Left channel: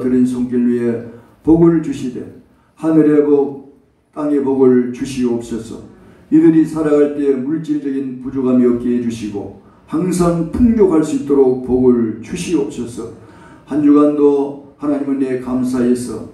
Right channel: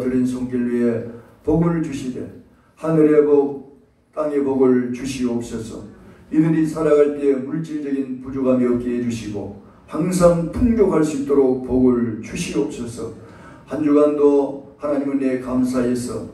들은 손길 위에 복을 주시되 하늘의 복 땅의 복을 주시옵소서. 이들이 살아갈 때 물질적인 부족함이 없게 해주시고 항상 풍족할 수 있도록 복을 주시옵소서. 한 주간도 하나님 은혜에 감사해서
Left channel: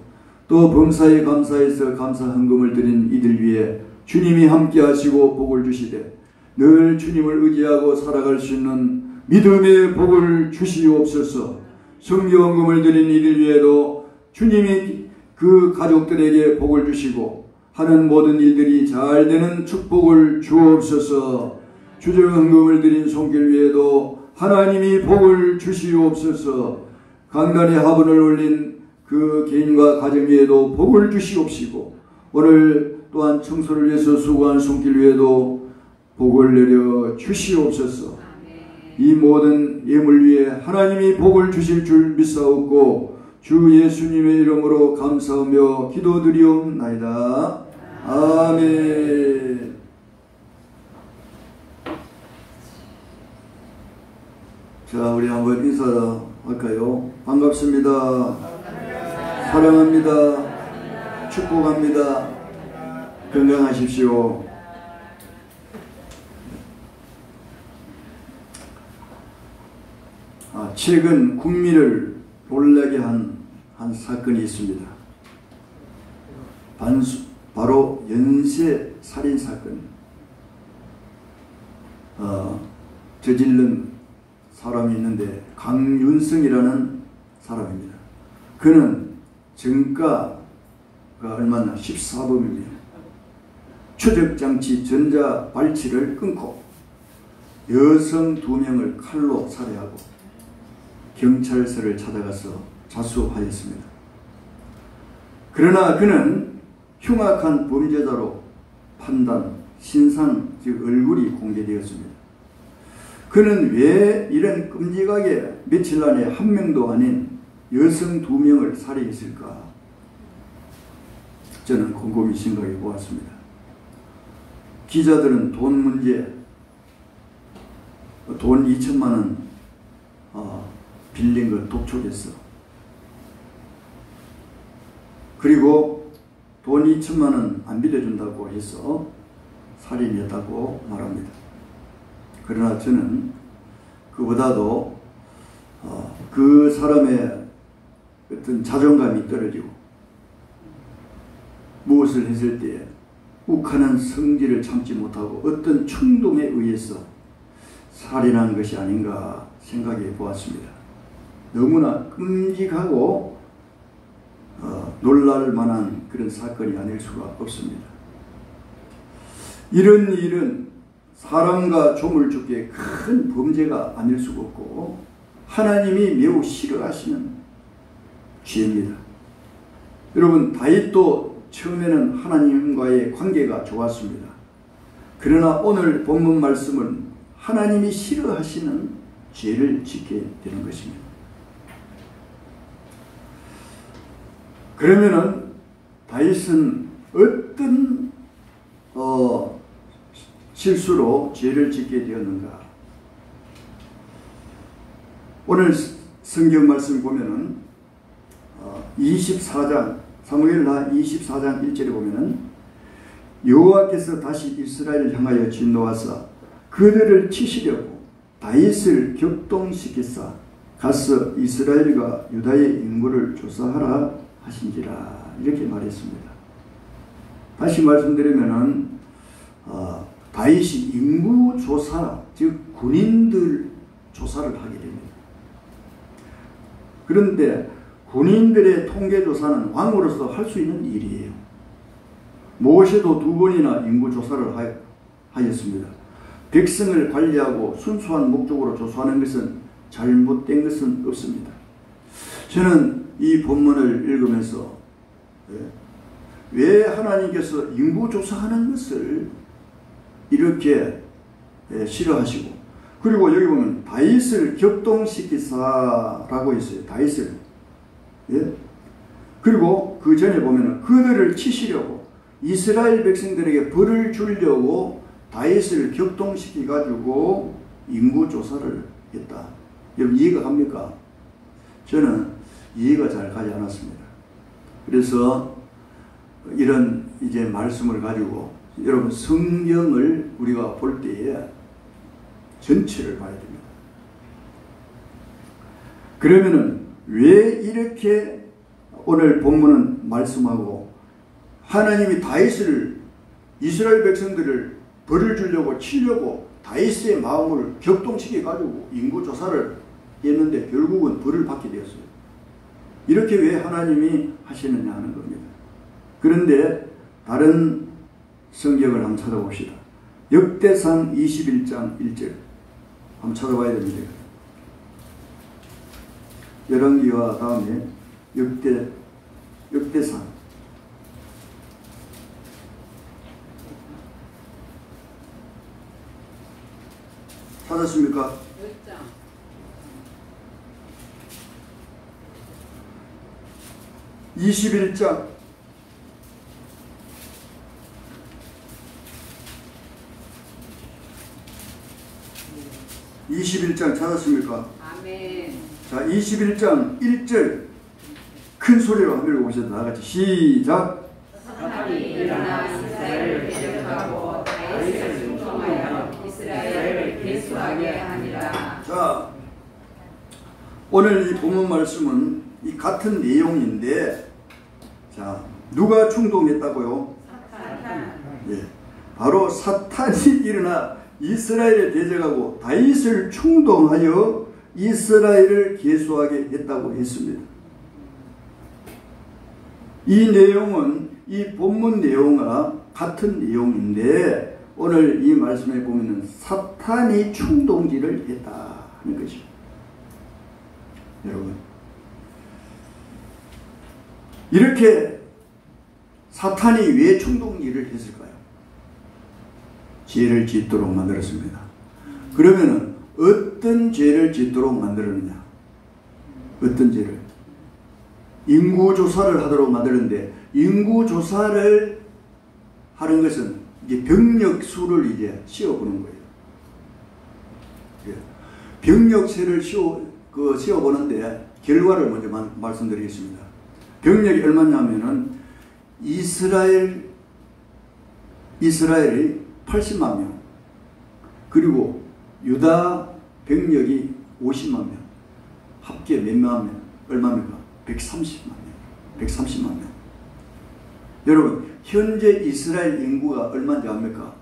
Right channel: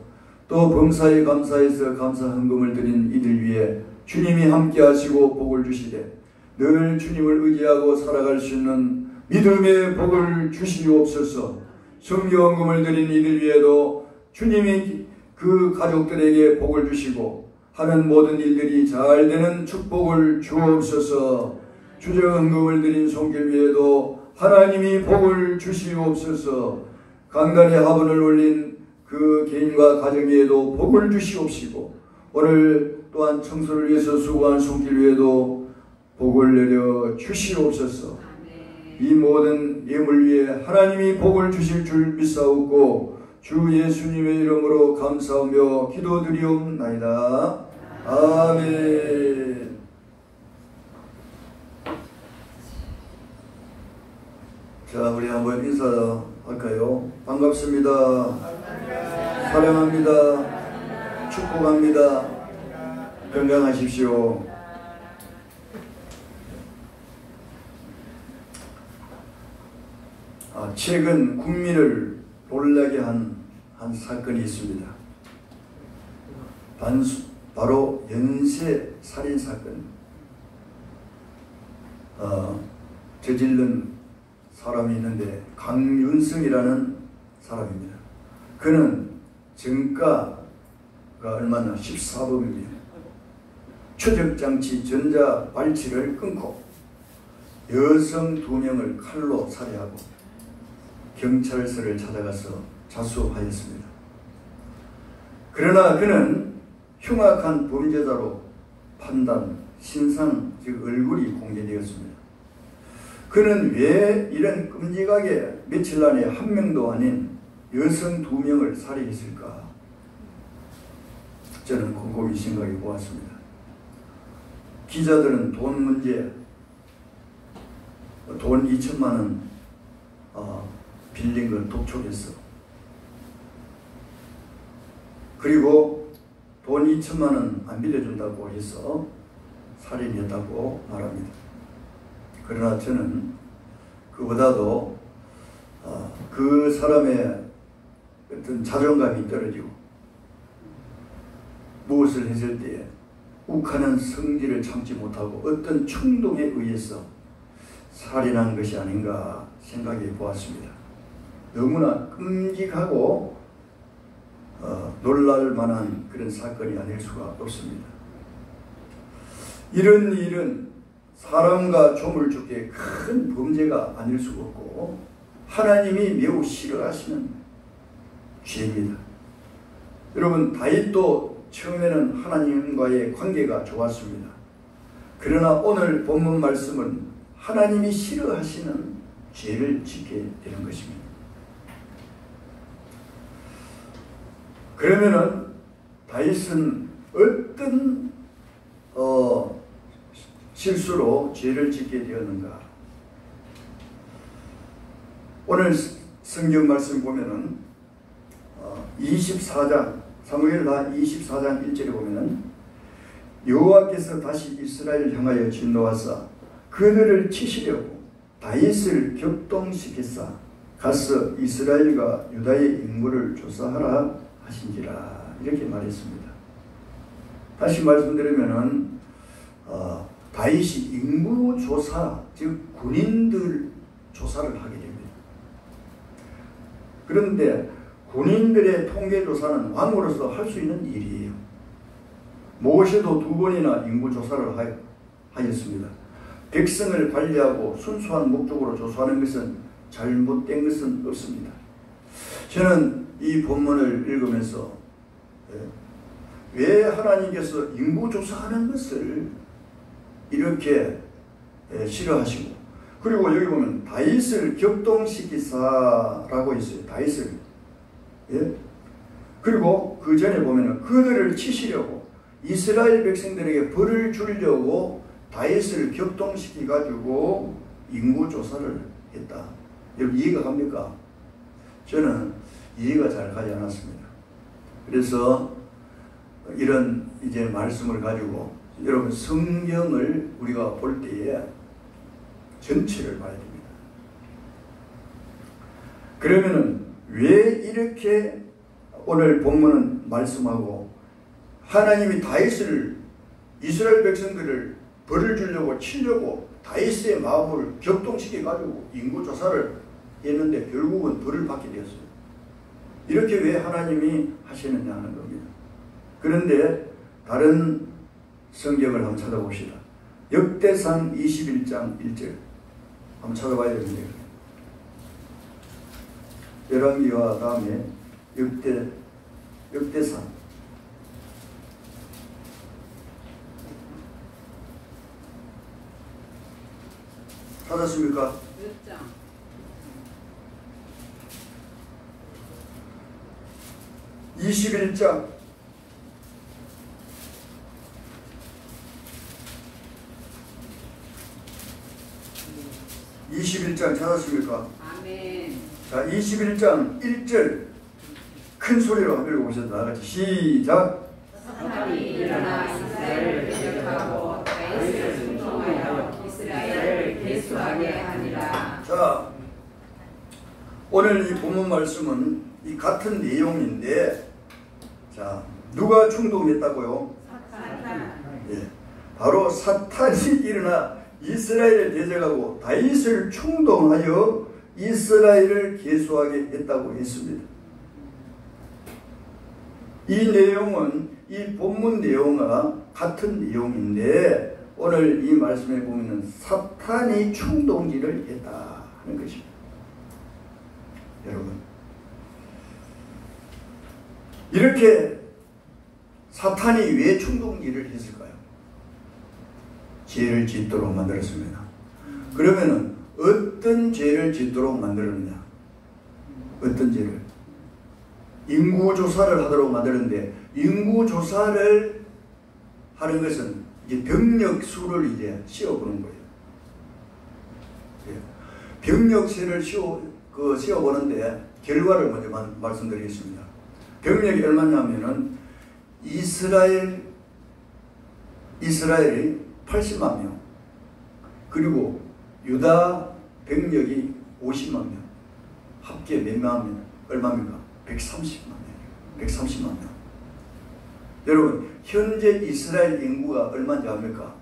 또 범사에 감사해서 감사 헌금을 드린 이들 위해 주님이 함께 하시고 복을 주시되 늘 주님을 의지하고 살아갈 수 있는 믿음의 복을 주시옵소서. 성경헌금을 드린 이들 위에도 주님이 그 가족들에게 복을 주시고 하는 모든 일들이 잘 되는 축복을 주옵소서. 주정헌금을 드린 손길 위에도 하나님이 복을 주시옵소서. 강단에 화분을 올린 그 개인과 가정 위에도 복을 주시옵시고 오늘 또한 청소를 위해서 수고한 손길 위에도 복을 내려 주시옵소서. 이 모든 예물 위에 하나님이 복을 주실 줄 믿사옵고 주 예수님의 이름으로 감사하며 기도드리옵나이다. 아멘. 자, 우리 한번 인사할까요? 반갑습니다. 사랑합니다. 축복합니다. 건강하십시오. 최근 국민을 놀라게 한 사건이 있습니다. 바로 연쇄 살인 사건. 저지른 사람이 있는데 강윤성이라는 사람입니다. 그는 정가가 얼마나 14범입니다. 추적장치 전자발치를 끊고 여성 2명을 칼로 살해하고 경찰서를 찾아가서 자수하였습니다. 그러나 그는 흉악한 범죄자로 판단, 신상, 즉 얼굴이 공개되었습니다. 그는 왜 이런 끔찍하게 며칠 안에 한 명도 아닌 여성 2명을 살해했을까? 저는 곰곰이 생각해 보았습니다. 기자들은 돈 문제, 돈 2천만 원 빌린 걸 독촉했어. 그리고 돈 2천만 원 안 빌려준다고 해서 살인했다고 말합니다. 그러나 저는 그보다도 그 사람의 어떤 자존감이 떨어지고 무엇을 했을 때 욱하는 성질을 참지 못하고 어떤 충동에 의해서 살인한 것이 아닌가 생각해 보았습니다. 너무나 끔찍하고 놀랄 만한 그런 사건이 아닐 수가 없습니다. 이런 일은 사람과 조물주께 큰 범죄가 아닐 수가 없고 하나님이 매우 싫어하시는 죄입니다. 여러분, 다윗도 처음에는 하나님과의 관계가 좋았습니다. 그러나 오늘 본문 말씀은 하나님이 싫어하시는 죄를 짓게 되는 것입니다. 그러면은 다윗은 어떤 실수로 죄를 짓게 되었는가? 오늘 성경 말씀 보면은 24장 사무엘하 24장 1절에 보면은 여호와께서 다시 이스라엘을 향하여 진노하사 그들을 치시려고 다윗을 격동시키사 가서 이스라엘과 유다의 인구를 조사하라 하신지라 이렇게 말했습니다. 다시 말씀드리면은 다윗이 인구 조사, 즉 군인들 조사를 하게 됩니다. 그런데 군인들의 통계 조사는 왕으로서 할 수 있는 일이에요. 모세도 2번이나 인구 조사를 하였습니다. 백성을 관리하고 순수한 목적으로 조사하는 것은 잘못된 것은 없습니다. 저는 이 본문을 읽으면서 왜 하나님께서 인구 조사하는 것을 이렇게 싫어하시고, 그리고 여기 보면 다윗을 격동시키사라고 있어요. 다윗을. 그리고 그 전에 보면 그들을 치시려고 이스라엘 백성들에게 벌을 주려고 다윗을 격동시키 가지고 인구 조사를 했다. 여러분 이해가 갑니까? 저는 이해가 잘 가지 않았습니다. 그래서 이런 이제 말씀을 가지고 여러분 성경을 우리가 볼 때에 전체를 봐야 됩니다. 그러면은 왜 이렇게 오늘 본문은 말씀하고 하나님이 다윗을 이스라엘 백성들을 벌을 주려고 치려고 다윗의 마음을 격동시켜 가지고 인구조사를 했는데 결국은 벌을 받게 되었어요. 이렇게 왜 하나님이 하시느냐 하는 겁니다. 그런데 다른 성경을 한번 찾아봅시다. 역대상 21장 1절 한번 찾아봐야 됩니다. 열왕기와 다음에 역대상 찾았습니까? 21장 21장 찾았습니까? 아멘. 자, 21장 1절 큰 소리로 한번 읽어보세요. 다같이 시작. 사탄이 일어나 이스라엘을 대적하고 다윗을 충성하여 이스라엘을 계수하게 하니라. 자, 오늘 이 본문 말씀은 이 같은 내용인데, 자, 누가 충동했다고요? 사탄. 예, 바로 사탄이 일어나 이스라엘을 대적하고 다윗을 충동하여 이스라엘을 계수하게 했다고 했습니다. 이 내용은 이 본문 내용과 같은 내용인데 오늘 이 말씀에 보면 사탄이 충동질을 했다는 것입니다. 여러분, 이렇게 사탄이 왜 충동질을 했을까요? 죄를 짓도록 만들었습니다. 그러면은 어떤 죄를 짓도록 만들었느냐? 어떤 죄를? 인구조사를 하도록 만드는데, 인구조사를 하는 것은 이제 병력 수를 이제 씌워보는 거예요. 병력세를 씌워보는데, 결과를 먼저 말씀드리겠습니다. 병력이 얼마냐면은, 이스라엘이 80만 명, 그리고 유다 병력이 50만 명, 합계 몇만 명, 얼마입니까? 130만 명, 130만 명. 여러분, 현재 이스라엘 인구가 얼마인지 압니까?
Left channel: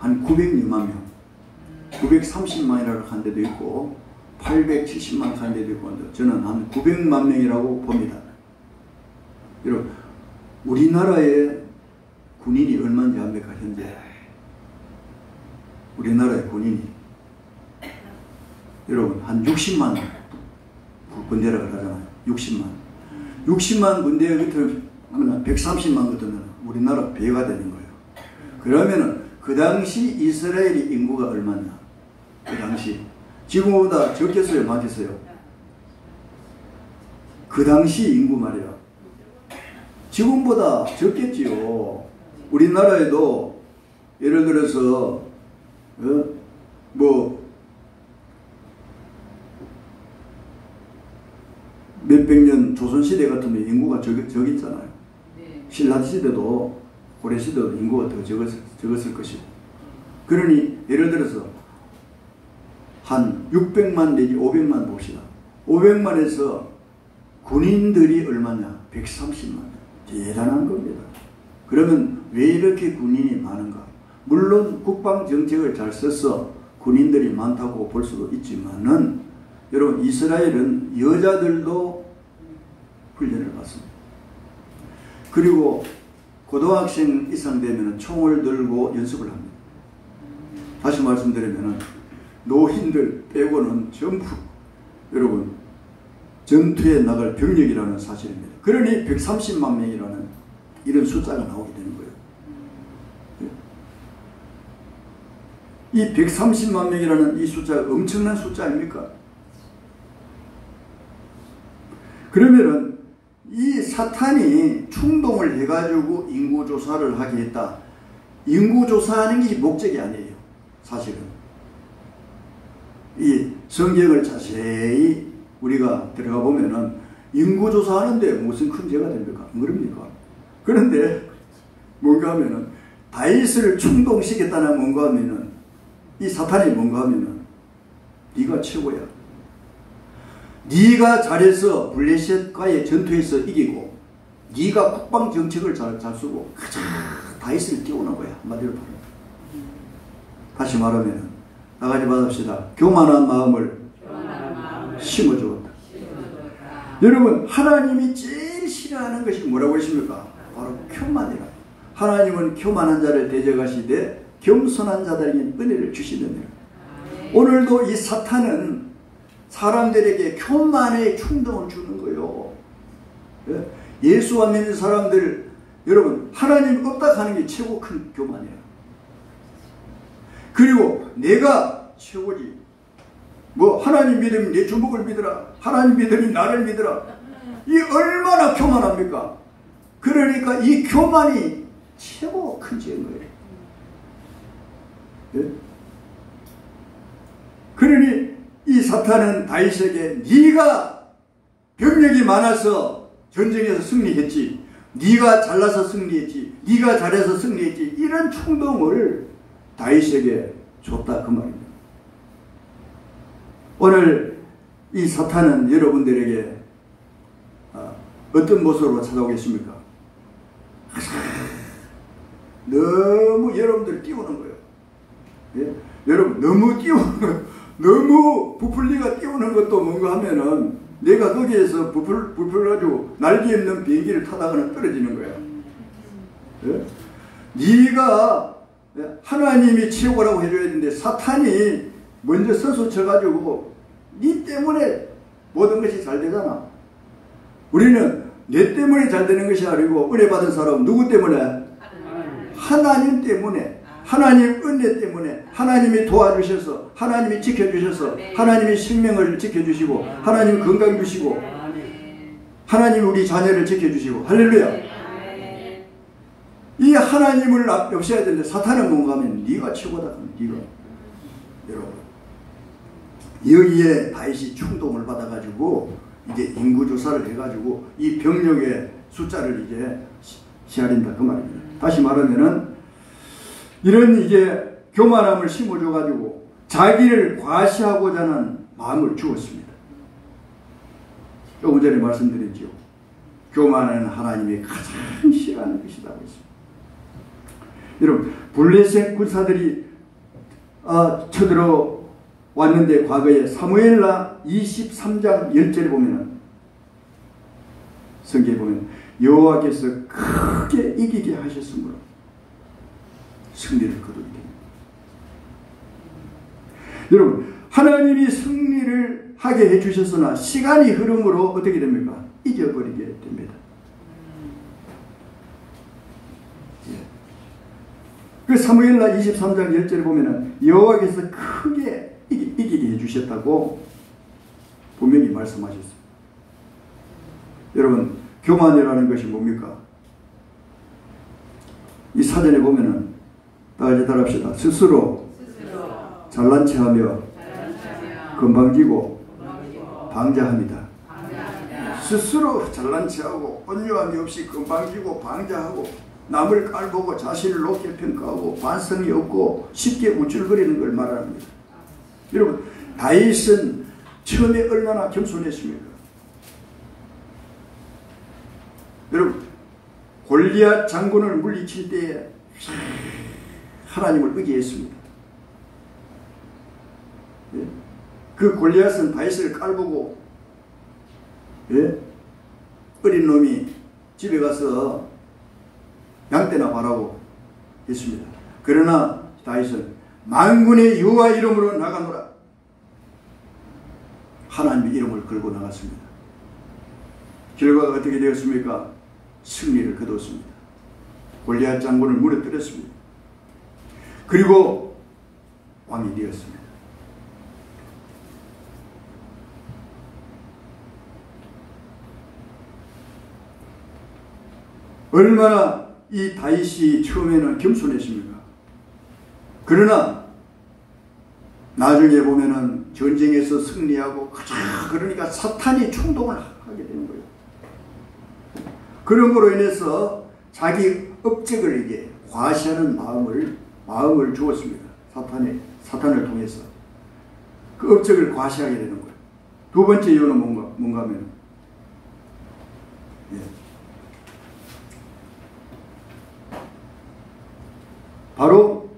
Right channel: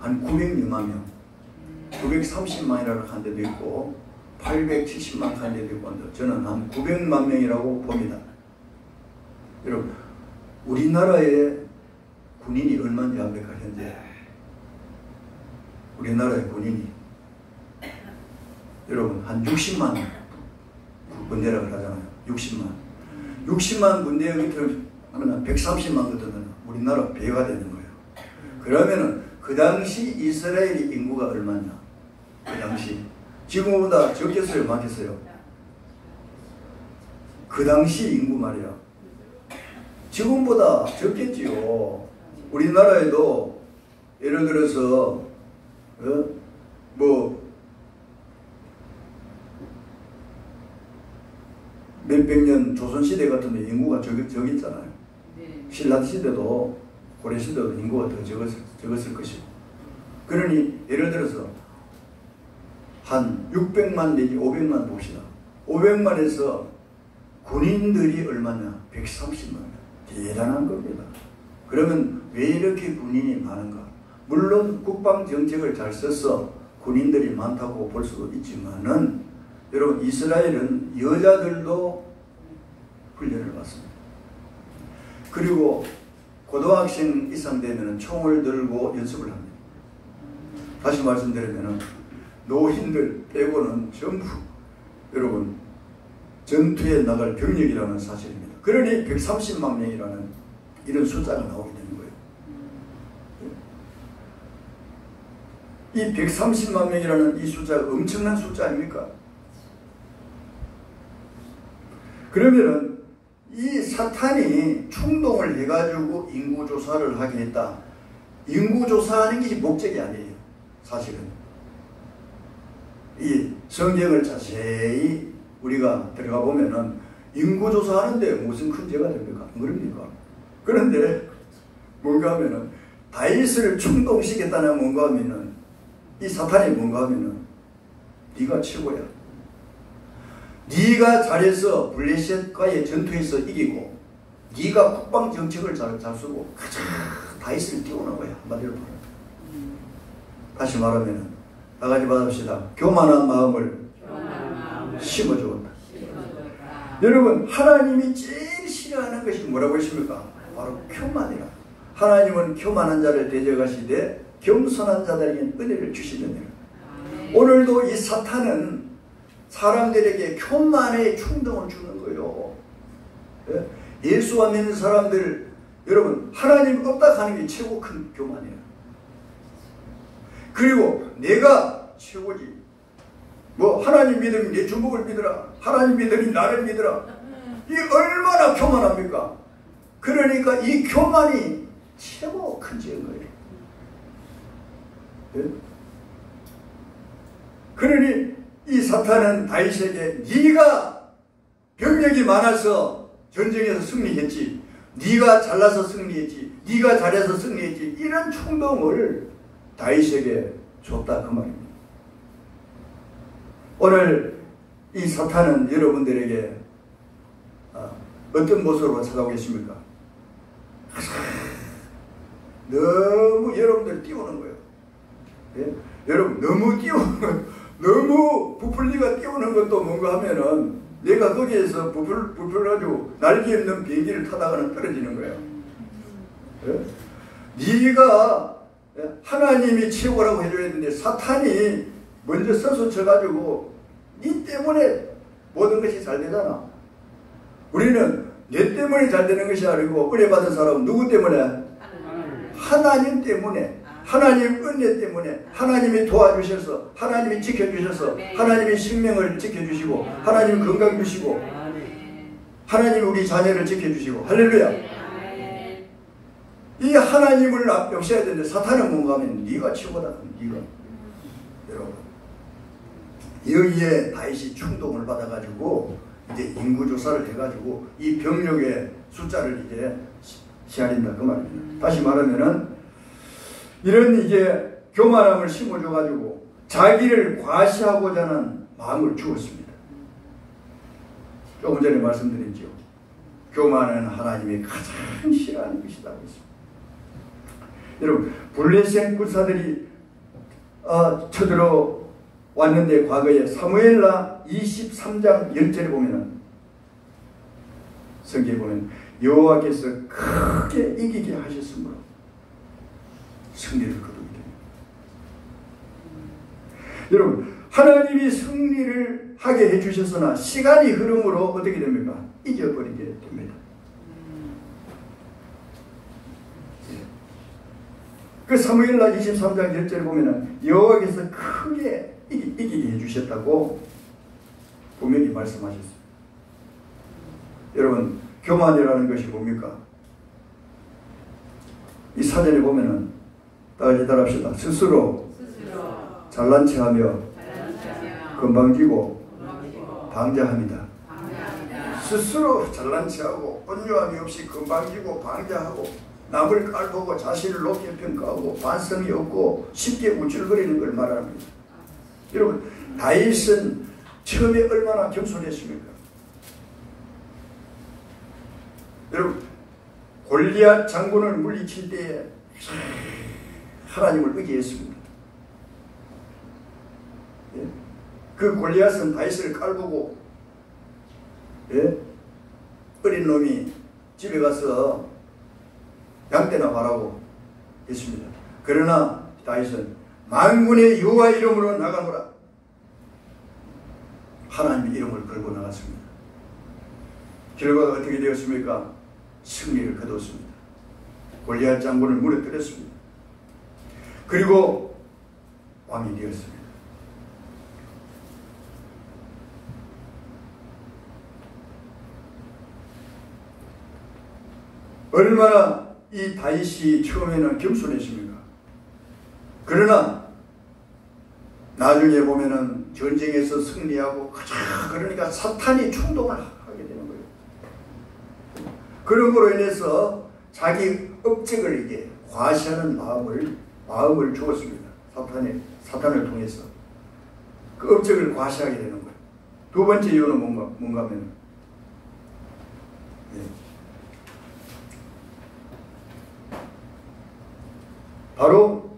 한 906만 명, 930만이라고 한 데도 있고 870만 한 데도 있고, 저는 한 900만 명이라고 봅니다. 여러분, 우리나라의 군인이 얼마인지 압니까? 현재 우리나라의 군인이 여러분 한 60만 군대라고 하잖아요. 60만 군대 밑을 하면 130만 거든 우리나라 배가 되는 거예요. 그러면은 그 당시 이스라엘의 인구가 얼마나? 그 당시 지금보다 적겠어요, 많겠어요? 그 당시 인구 말이야. 지금보다 적겠지요. 우리나라에도 예를 들어서 몇백 년 조선시대 같으면 인구가 적있잖아요. 네. 신라시대도 고려시대도 인구가 더 적었을 것이고, 그러니 예를 들어서 한 600만 내지 500만 봅시다. 500만에서 군인들이 얼마냐? 130만. 대단한 겁니다. 그러면 왜 이렇게 군인이 많은가? 물론 국방정책을 잘 써서 군인들이 많다고 볼 수도 있지만은, 여러분, 이스라엘은 여자들도 훈련을 받습니다. 그리고 고등학생 이상 되면 총을 들고 연습을 합니다. 다시 말씀드리면 노인들 빼고는 전부 여러분 전투에 나갈 병력이라는 사실입니다. 그러니 130만 명이라는 이런 숫자가 나오게 되는 거예요. 이 130만 명이라는 이 숫자가 엄청난 숫자 아닙니까? 그러면은 이 사탄이 충동을 해가지고 인구조사를 하게 했다. 인구조사하는 게 목적이 아니에요. 사실은 이 성경을 자세히 우리가 들어가 보면은 인구조사하는데 무슨 큰 죄가 됩니까? 안 그럽니까? 그런데 뭔가 하면은 다윗을 충동시켰다는 뭔가 하면은 이 사탄이 뭔가 하면은 네가 최고야. 네가 잘해서 블레셋과의 전투에서 이기고 네가 국방 정책을 잘 쓰고 가자 다윗을 띄우는 거야. 한마디로 다시 말하면 나가지 마십시다. 교만한 마음을 심어주었다. 여러분 하나님이 제일 싫어하는 것이 뭐라고 하십니까? 바로 교만이라. 하나님은 교만한 자를 대적하시되 겸손한 자들에게 은혜를 주시느니라. 오늘도 이 사탄은 사람들에게 교만의 충동을 주는 거예요. 예수와 믿는 사람들 여러분 하나님 없다 하는 게 최고 큰 교만이에요. 그리고 내가 최고지. 뭐 하나님 믿으면 내 주먹을 믿으라. 하나님 믿으면 나를 믿으라. 이 얼마나 교만합니까? 그러니까 이 교만이 최고 큰 죄인 거예요. 네? 그러니 이 사탄은 다윗에게 네가 병력이 많아서 전쟁에서 승리했지, 네가 잘나서 승리했지, 네가 잘해서 승리했지, 이런 충동을 다윗에게 줬다 그 말입니다. 오늘 이 사탄은 여러분들에게 어떤 모습으로 찾아오겠습니까? 너무 여러분들 띄우는 거예요. 예? 여러분 너무 띄우는 너무 부풀리가 띄우는 것도 뭔가 하면은 내가 거기에서 부풀려가지고 날개 없는 비행기를 타다가는 떨어지는 거예요. 예? 네가 하나님이 최고라고 해줘야 되는데 사탄이 먼저 서서 쳐가지고 네 때문에 모든 것이 잘 되잖아. 우리는 내 때문에 잘 되는 것이 아니고 은혜 받은 사람은 누구 때문에? 하나님 때문에, 하나님 은혜 때문에, 하나님이 도와주셔서, 하나님이 지켜주셔서, 하나님이 생명을 지켜주시고, 하나님이 건강 주시고, 하나님이 우리 자녀를 지켜주시고, 할렐루야. 이 하나님을 역사해야 되는데 사탄은 뭔가 하면 네가 최고다. 네가. 여러분 여기에 다윗이 충동을 받아가지고 이제 인구조사를 해가지고 이 병력의 숫자를 이제 헤아린다 그 말입니다. 다시 말하면은 이런 이제 교만함을 심어줘가지고 자기를 과시하고자 하는 마음을 주었습니다. 조금 전에 말씀드렸지요. 교만은 하나님이 가장 싫어하는 것이다 그랬습니다. 여러분 블레셋 군사들이 쳐들어 왔는데 과거에 사무엘라 23장 10절에 보면 성경에 보면 여호와께서 크게 이기게 하셨으므로 승리를 거두게 됩니다. 여러분 하나님이 승리를 하게 해주셨으나 시간이 흐름으로 어떻게 됩니까? 잊어버리게 됩니다. 그 사무엘라 23장 10절에 보면 여호와께서 크게 이기게 해주셨다고 분명히 말씀하셨습니다. 여러분 교만이라는 것이 뭡니까? 이 사전에 보면은 다 같이 따라합시다. 스스로 잘난 체하며 건방지고 방자합니다. 스스로 잘난 체하고 온유함이 없이 건방지고 방자하고 남을 깔보고 자신을 높게 평가하고 반성이 없고 쉽게 우쭐거리는 걸 말합니다. 여러분 다윗은 처음에 얼마나 겸손했습니까? 여러분 골리앗 장군을 물리칠 때에 하나님을 의지했습니다. 예? 그 골리앗은 다윗을 깔보고 어린 놈이 집에 가서 양떼나 하라고 했습니다. 그러나 다윗은 만군의 여호와 이름으로 나가노라. 하나님의 이름을 걸고 나갔습니다. 결과가 어떻게 되었습니까? 승리를 거뒀습니다. 골리앗 장군을 무너뜨렸습니다. 그리고 왕이 되었습니다. 얼마나 이 다윗이 처음에는 겸손했습니까? 그러나 나중에 보면은 전쟁에서 승리하고 그러니까 사탄이 충동을 하게 되는 거예요. 그런 거로 인해서 자기 업적을 이게 과시하는 마음을 주었습니다. 사탄을 통해서 그 업적을 과시하게 되는 거예요. 두 번째 이유는 뭔가 하면 바로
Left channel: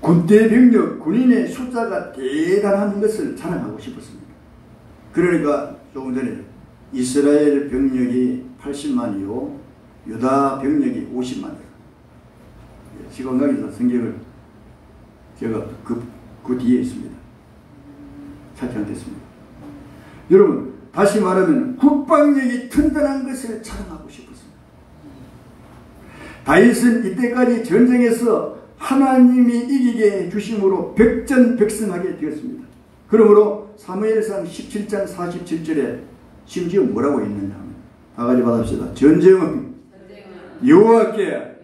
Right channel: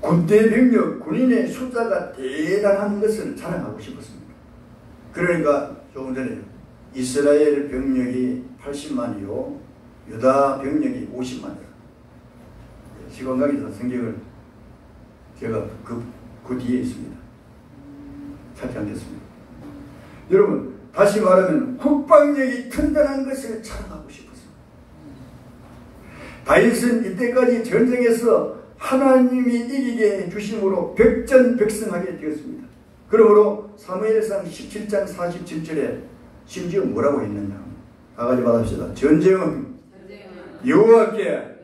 군대 병력, 군인의 숫자가 대단한 것을 자랑하고 싶었습니다. 그러니까 조금 전에 이스라엘 병력이 80만이요 유다 병력이 50만이에요. 시간강에서 성경을 제가 그 뒤에 있습니다. 찾지 않겠습니다. 여러분 다시 말하면 국방력이 튼튼한 것을 자랑하고 싶었습니다. 다윗은 이때까지 전쟁에서 하나님이 이기게 해주심으로 백전백승하게 되었습니다. 그러므로 사무엘상 17장 47절에 심지어 뭐라고 했느냐. 다같이 받읍시다. 전쟁은 여호와께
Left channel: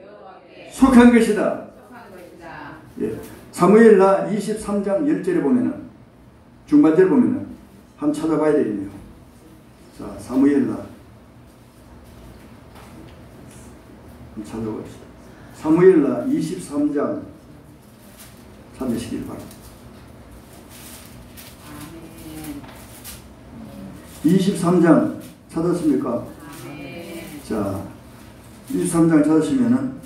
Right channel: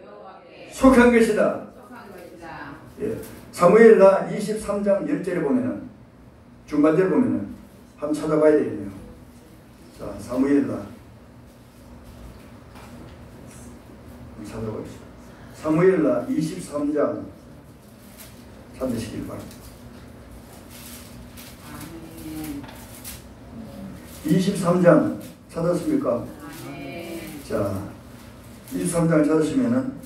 속한 것이다. 예. 사무엘하 23장 10절에 보면은 중간절 보면은 한번 찾아봐야 되겠네요. 자, 사무엘하 찾아보겠습니다. 사무엘하 23장 찾으시길 바랍니다. 23장 찾았습니까? 자, 23장 찾으시면은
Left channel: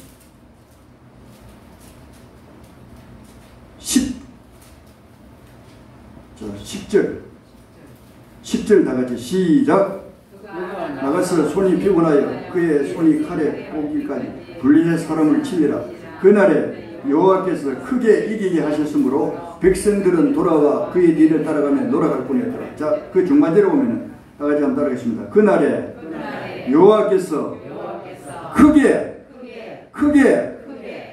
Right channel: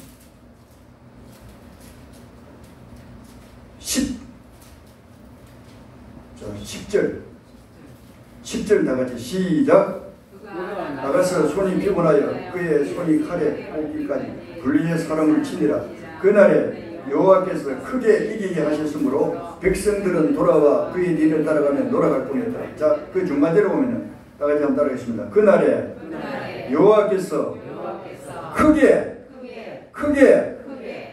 10절 다같이 시작. 나가서 손이 피곤하여 그의 손이 칼에 꽂기까지 불리의 사람을 치니라. 그날에 여호와께서 크게 이기게 하셨으므로 백성들은 돌아와 그의 뒤를 따라가며 놀아갈 겁니다. 자, 그 중간대로 보면은 다같이 한번 따라하겠습니다. 그날에 여호와께서 크게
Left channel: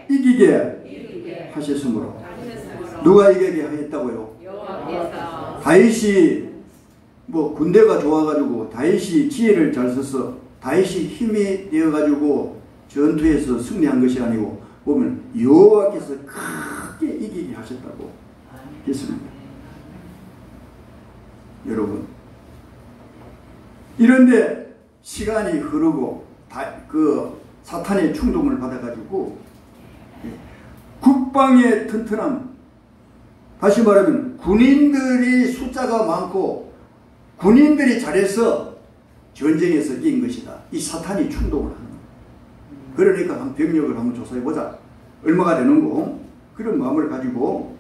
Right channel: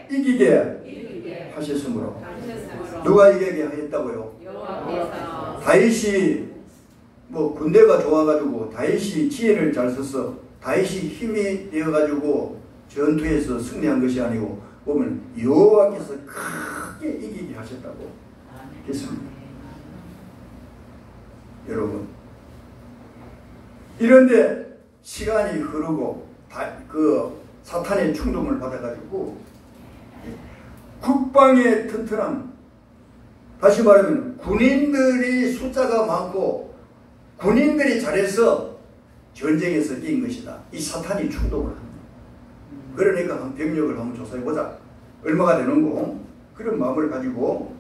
이기게 하셨으므로. 누가 이기게 하겠다고요? 다윗이 뭐 군대가 좋아가지고 다윗이 지혜를 잘 써서 다윗이 힘이 되어가지고 전투에서 승리한 것이 아니고 보면 여호와께서 크게 이기게 하셨다고 했습니다. 여러분 이런데 시간이 흐르고 그 사탄의 충동을 받아가지고 국방의 튼튼함, 다시 말하면 군인들이 숫자가 많고 군인들이 잘해서 전쟁에서 이긴 것이다. 이 사탄이 충동을 합니다. 그러니까 한 병력을 한번 조사해보자. 얼마가 되는고? 그런 마음을 가지고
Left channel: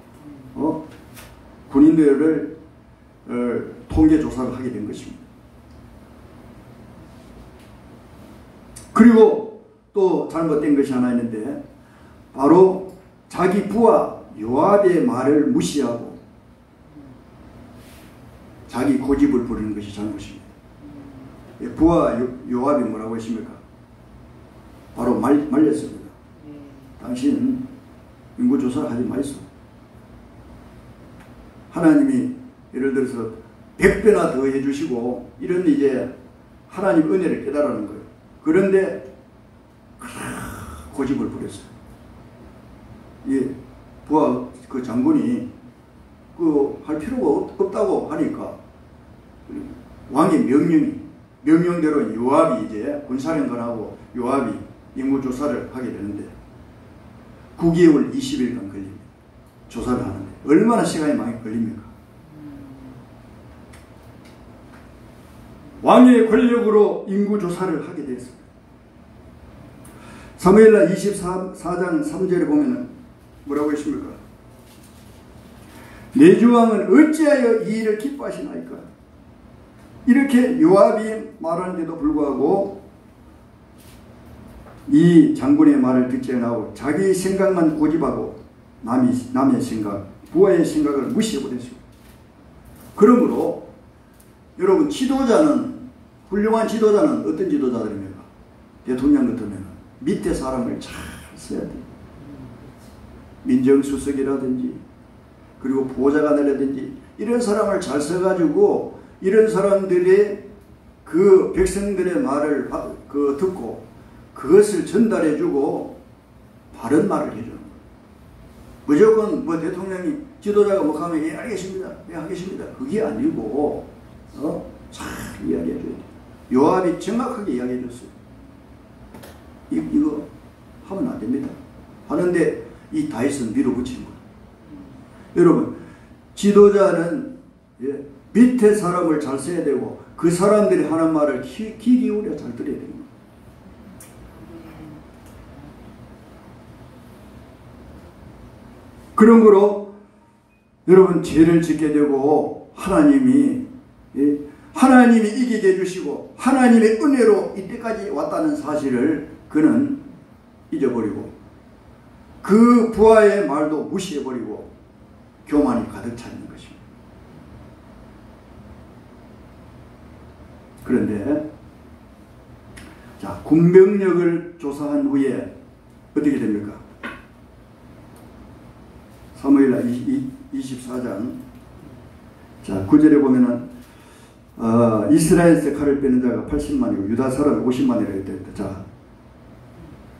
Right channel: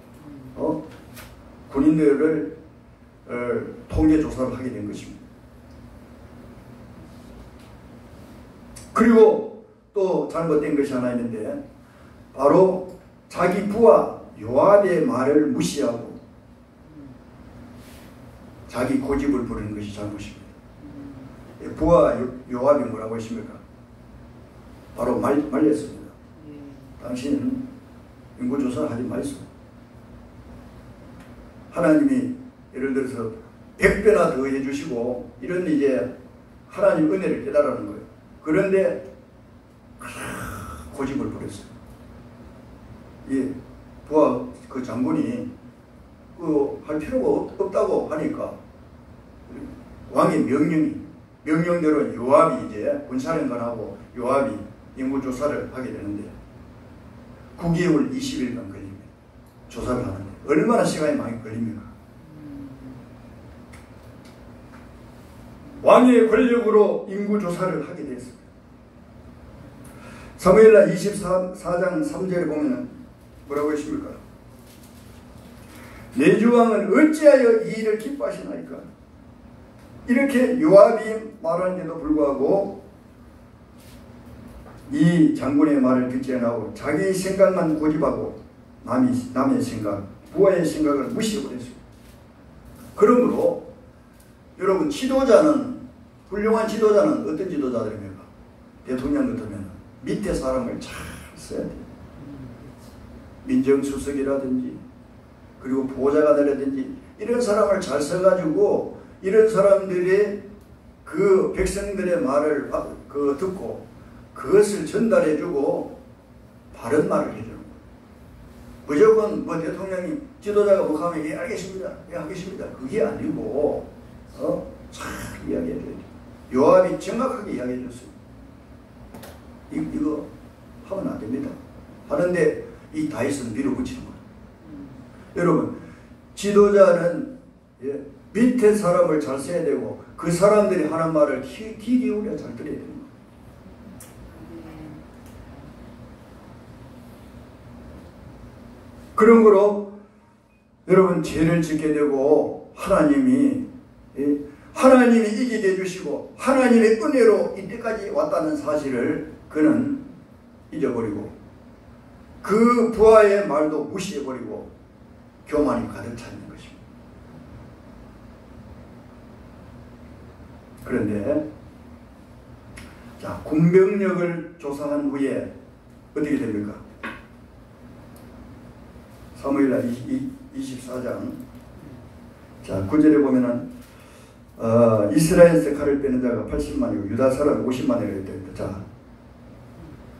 군인들을 통계조사를 하게 된 것입니다. 그리고 또 잘못된 것이 하나 있는데 바로 자기 부하 요압의 말을 무시하고 자기 고집을 부리는 것이 잘못입니다. 부하 요압이 뭐라고 했습니까? 바로 말렸습니다. 당신은 인구조사를 하지 마시오. 하나님이 예를 들어서 100배나 더 해주시고 이런 이제 하나님 은혜를 깨달으는 거예요. 그런데 고집을 부렸어요. 예, 부하 그 장군이 할 필요가 없다고 하니까 왕의 명령대로 요압이 이제 군사령관하고 요압이 인구조사를 하게 되는데 9개월 20일간 걸립니다. 조사를 하는데 얼마나 시간이 많이 걸립니까? 왕의 권력으로 인구조사를 하게 됐습니다. 사무엘하 24장 3절에 보면 뭐라고 했습니까? 내 주왕은 어찌하여 이 일을 기뻐하시나이까? 이렇게 요압이 말하는데도 불구하고 이 장군의 말을 듣지 않고 자기 생각만 고집하고 남의 생각, 부하의 생각을 무시해버렸습니다. 그러므로 여러분 훌륭한 지도자는 어떤 지도자들입니까? 대통령 같으면 밑에 사람을 잘 써야 돼요. 민정수석이라든지 그리고 보좌관이라든지 이런 사람을 잘 써가지고 이런 사람들이 그 백성들의 말을 듣고 그것을 전달해주고 바른 말을 해주는 거예요. 무조건 뭐 대통령이 지도자가 뭐 하면 예 알겠습니다. 예 알겠습니다. 그게 아니고 잘 이야기해야 돼요. 요압이 정확하게 이야기해줬어요. 이거 하면 안 됩니다. 하는데 이 다윗은 밀어붙이는 거예요. 여러분 지도자는 밑에 사람을 잘 써야 되고 그 사람들이 하는 말을 귀 기울여 잘 들어야 됩니다. 그런 거로 여러분 죄를 짓게 되고 하나님이 이기게 해주시고 하나님의 은혜로 이때까지 왔다는 사실을 그는 잊어버리고 그 부하의 말도 무시해버리고 교만이 가득 차 있는 것입니다. 그런데 자 군병력을 조사한 후에 어떻게 됩니까? 사무엘하 24장 자 9절에 보면은 이스라엘에서 칼을 빼는 자가 80만이고 유다 사람 50만이라고 되어 있다. 자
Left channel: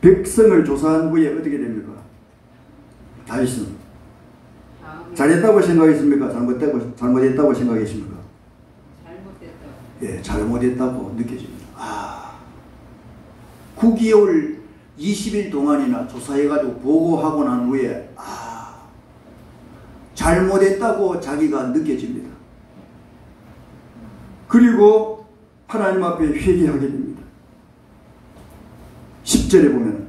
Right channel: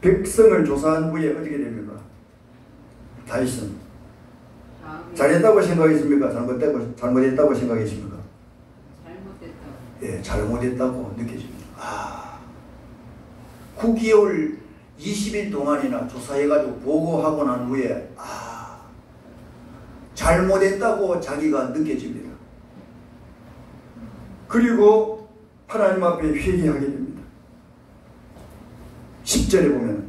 백성을 조사한 후에 어떻게 됩니까? 다윗은 잘했다고 생각했습니까? 잘못했다고 생각했습니까? 잘못했다고. 예, 잘못했다고 느껴집니다. 9개월 20일 동안이나 조사해가지고 보고하고 난 후에 잘못했다고 자기가 느껴집니다. 그리고 하나님 앞에 회개하게 됩니다. 10절에 보면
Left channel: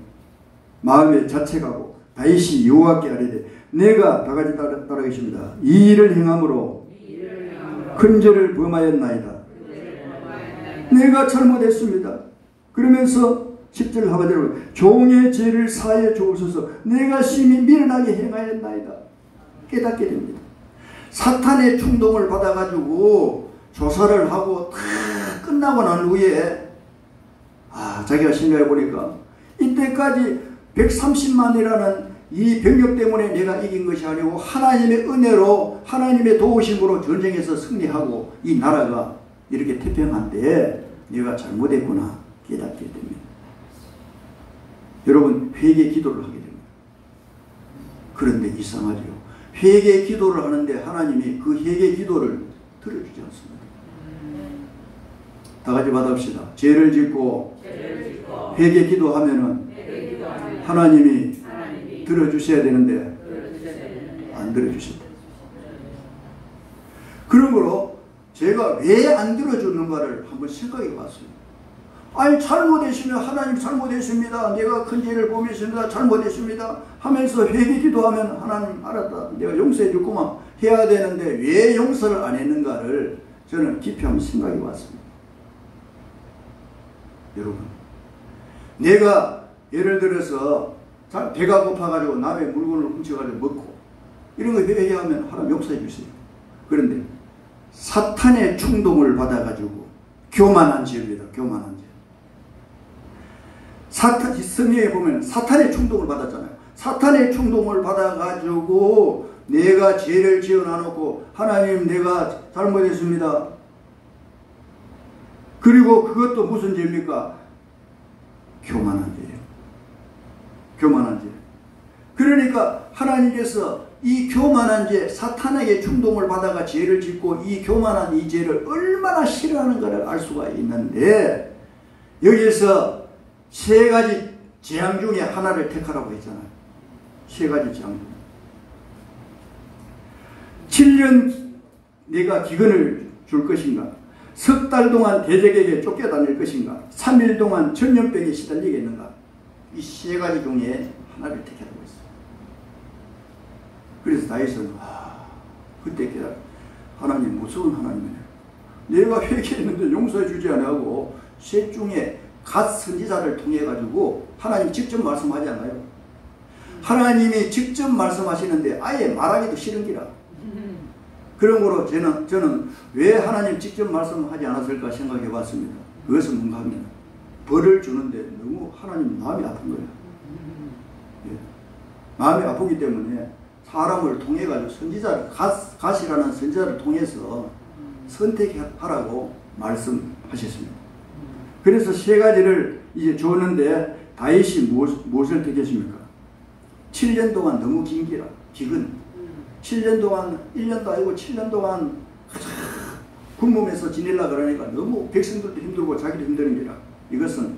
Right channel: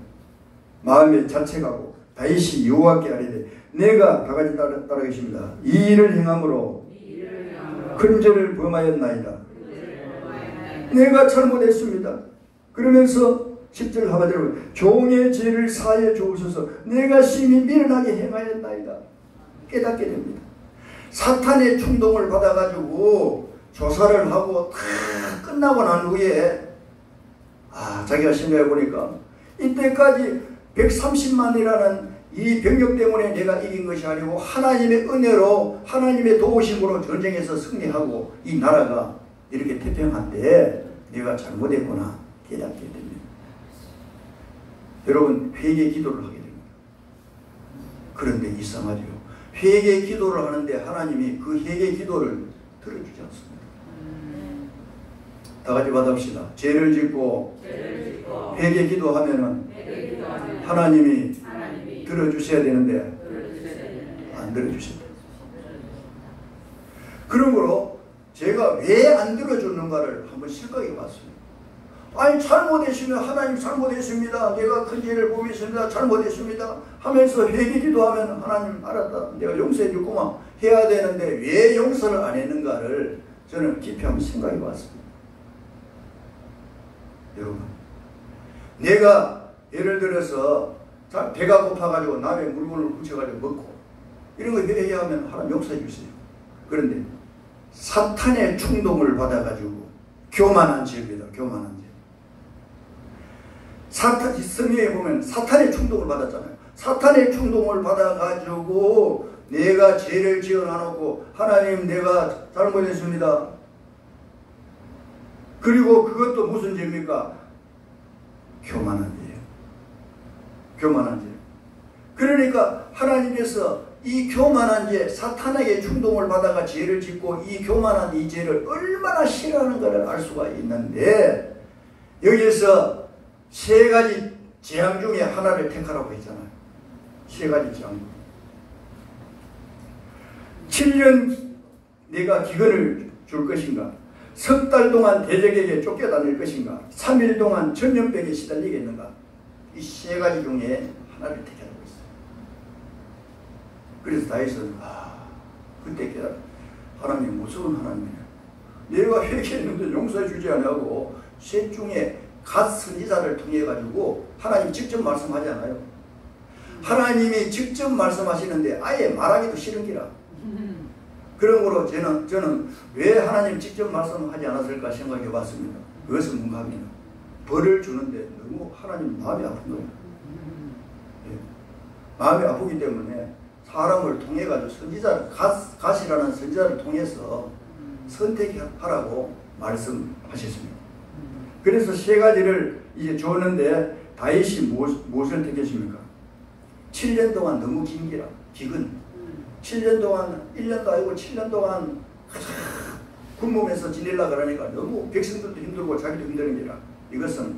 마음에 자책하고 다윗이 여호와께 아뢰되 내가 다 같이 따라하겠습니다. 이 일을 행함으로 큰 죄를 범하였나이다. 내가 잘못했습니다. 그러면서 10절 하반절로 종의 죄를 사하여 주옵소서. 내가 심히 미련하게 행하였나이다. 깨닫게 됩니다. 사탄의 충동을 받아가지고 조사를 하고 다 끝나고 난 후에 자기가 생각해 보니까 이때까지 130만이라는 이 병력 때문에 내가 이긴 것이 아니고 하나님의 은혜로 하나님의 도우심으로 전쟁에서 승리하고 이 나라가 이렇게 태평한데 내가 잘못했구나 깨닫게 됩니다. 여러분 회개 기도를 하게 됩니다. 그런데 이상하죠. 회개 기도를 하는데 하나님이 그 회개 기도를 들어주지 않습니다. 다 같이 받읍시다. 죄를 짓고 회개 기도하면은 하나님이 들어주셔야 되는데 안 들어주십니다. 그런 거로 제가 왜 안 들어주는가를 한번 생각해 봤어요. 아니 잘못했으면 하나님 잘못했습니다. 내가 큰 죄를 범했습니다. 잘못했습니다. 하면서 회개 기도하면 하나님 알았다. 내가 용서해 줄구만 해야 되는데 왜 용서를 안 했는가를 저는 깊이 한번 생각해 봤습니다. 여러분 내가 예를 들어서 배가 고파가지고 남의 물건을 훔쳐가지고 먹고 이런 거 회개하면 하나님 용서해 주세요. 그런데 사탄의 충동을 받아가지고 교만한 죄입니다. 교만한 죄. 성경에 보면 사탄의 충동을 받았잖아요. 사탄의 충동을 받아가지고 내가 죄를 지어놔놓고 하나님 내가 잘못했습니다. 그리고 그것도 무슨 죄입니까? 교만한 죄예요. 교만한 죄. 그러니까 하나님께서 이 교만한 죄, 사탄에게 충동을 받아가 죄를 짓고 이 교만한 이 죄를 얼마나 싫어하는가를 알 수가 있는데 여기에서 세 가지 재앙 중에 하나를 택하라고 했잖아요. 세 가지 재앙. 7년 내가 기근을 줄 것인가? 석 달 동안 대적에게 쫓겨다닐 것인가? 3일 동안 전염병에 시달리겠는가? 이 세 가지 중에 하나를 택하라고 했어요. 그래서 다윗은 그때 깨달아. 하나님 무서운 하나님이네. 내가 회개했는데 용서해 주지 않고 셋 중에 갓 선지자를 통해 가지고 하나님 직접 말씀하지 않아요. 하나님이 직접 말씀하시는데 아예 말하기도 싫은 기라. 그러므로 저는 왜 하나님 직접 말씀하지 않았을까 생각해 봤습니다. 그것은 뭔가 합니다. 벌을 주는데 너무 하나님 마음이 아픈 거예요. 네. 마음이 아프기 때문에 사람을 통해 가지고 선지자를 갓이라는 선지자를 통해서 선택하라고 말씀하셨습니다. 그래서 세 가지를 이제 줬는데 다윗이 무엇을 택했습니까? 7년 동안 너무 긴 기라. 기근. 7년 동안 1년도 아니고 7년 동안 굶으면서 지내려 그러니까 너무 백성들도 힘들고 자기도 힘드는 게라. 이것은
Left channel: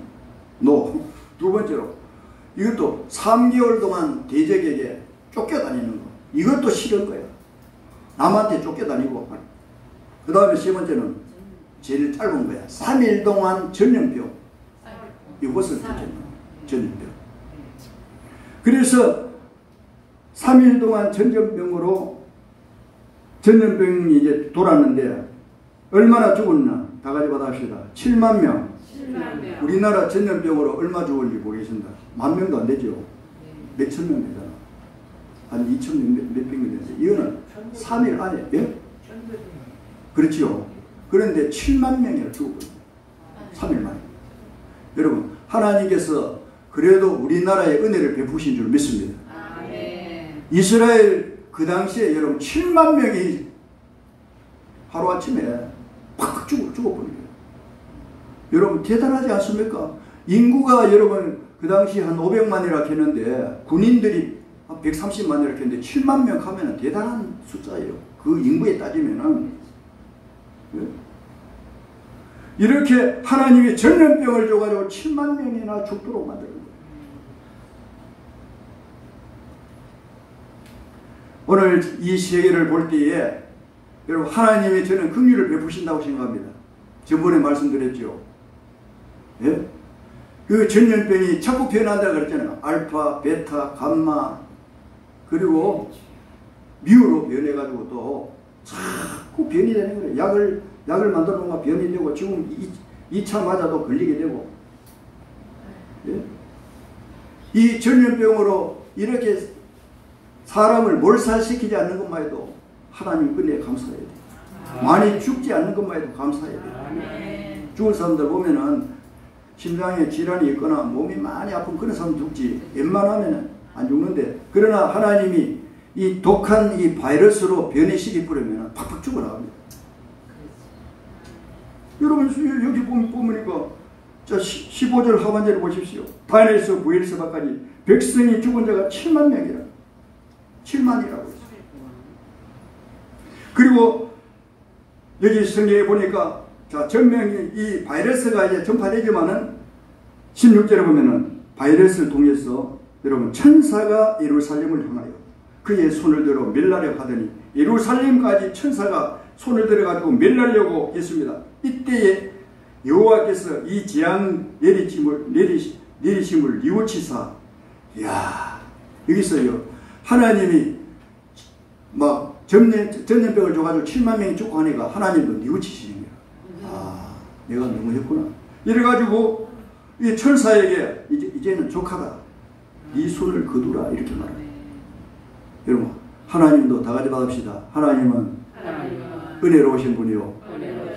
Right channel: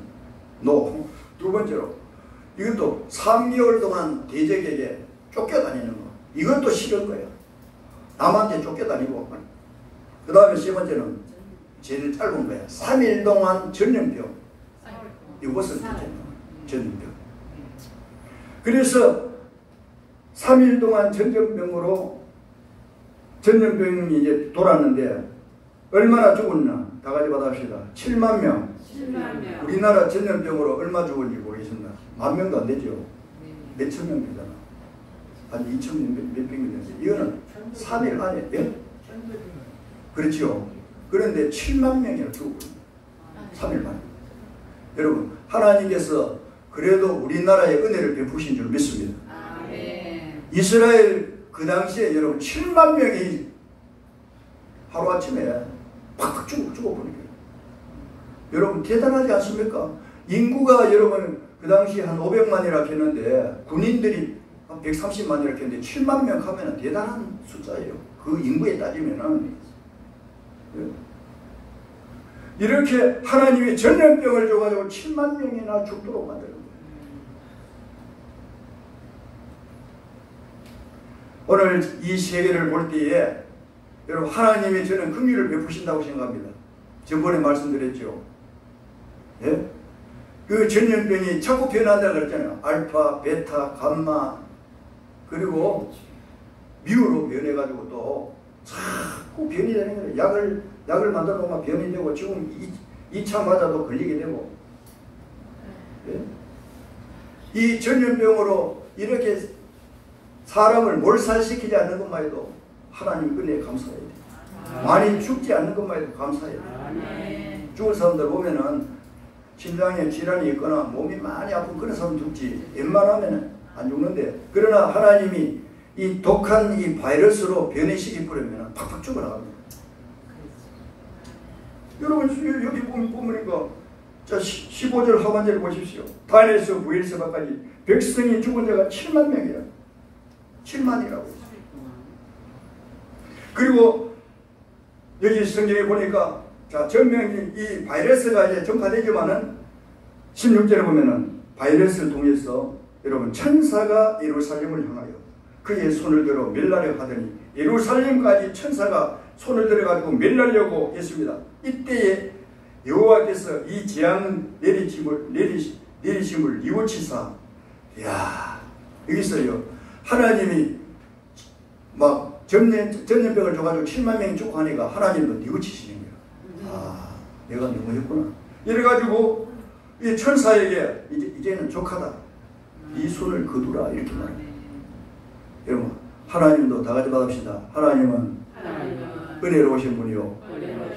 노. 두 번째로 이것도 3개월 동안 대적에게 쫓겨다니는 거. 이것도 싫은 거예요. 남한테 쫓겨다니고. 그 다음에 세 번째는 제일 짧은 거예요. 3일 동안 전염병. 이것은 전염병. 그래서 3일 동안 전염병이 이제 돌았는데 얼마나 죽었나? 다 같이 받아봅시다. 7만 명. 7만 명. 우리나라 전염병으로 얼마 죽었는지 모르겠습니다. 10,000명도 안 되죠. 몇천 명 되잖아. 한 2,000명 몇 명이 되죠. 이거는 3일 안에. 예? 그렇죠. 그런데 7만 명이 죽었거든요. 3일 만에. 여러분, 하나님께서 그래도 우리나라에 은혜를 베푸신 줄 믿습니다. 아멘. 이스라엘 그 당시에 여러분 7만 명이 하루아침에 팍 죽어버려요. 여러분 대단하지 않습니까? 인구가 여러분 그 당시 한 500만이라 했는데 군인들이 한 130만이라 했는데 7만 명 하면 대단한 숫자예요. 그 인구에 따지면은. 이렇게 하나님이 전염병을 줘가지고 7만 명이나 죽도록 만든 거예요. 오늘 이 세계를 볼 때에 여러분 하나님이 저는 긍휼을 베푸신다고 생각합니다. 저번에 말씀드렸죠. 예? 그 전염병이 자꾸 변한다고 그랬잖아요. 알파, 베타, 감마 그리고 미우로 변해가지고 또 자꾸 변이 되는 거예요. 약을 만들어 놓으면 변이 되고 지금 2차 맞아도 걸리게 되고. 예? 이 전염병으로 이렇게 사람을 몰살시키지 않는 것만 해도 하나님 은혜에 감사해야 돼요. 많이 죽지 않는 것만 해도 감사해야 돼요. 죽은 사람들 보면은 심장에 질환이 있거나 몸이 많이 아픈 그런 사람 죽지 웬만하면 안 죽는데 그러나 하나님이 이 독한 이 바이러스로 변이시키 뿌리면 팍팍 죽어나갑니다. 여러분 여기 보니까 자 15절 하반절을 보십시오. 단에서 부엘세바까지 백성이 죽은 자가 7만 명이라. 7만이라고 했어요. 그리고 여기 성경에 보니까 자 전명이 이 바이러스가 이제 전파되지만은 16절에 보면은 바이러스를 통해서 여러분 천사가 예루살렘을 향하여 그의 손을 들어 멸하려 하더니 예루살렘까지 천사가 손을 들어가지고 멸하려고 했습니다. 이때에 여호와께서 이 재앙 내리심을 뉘우치사 이야 여기서요 하나님이 막 전염병을 줘가지고 7만 명이 죽고 하니까 하나님도 뉘우치시는 거예요. 아 내가 너무했구나. 이래가지고 이 천사에게 이제는 족하다. 이 손을 거두라 이렇게 말해요. 여러분 하나님도 다 같이 받읍시다. 하나님은 은혜로우신 분이요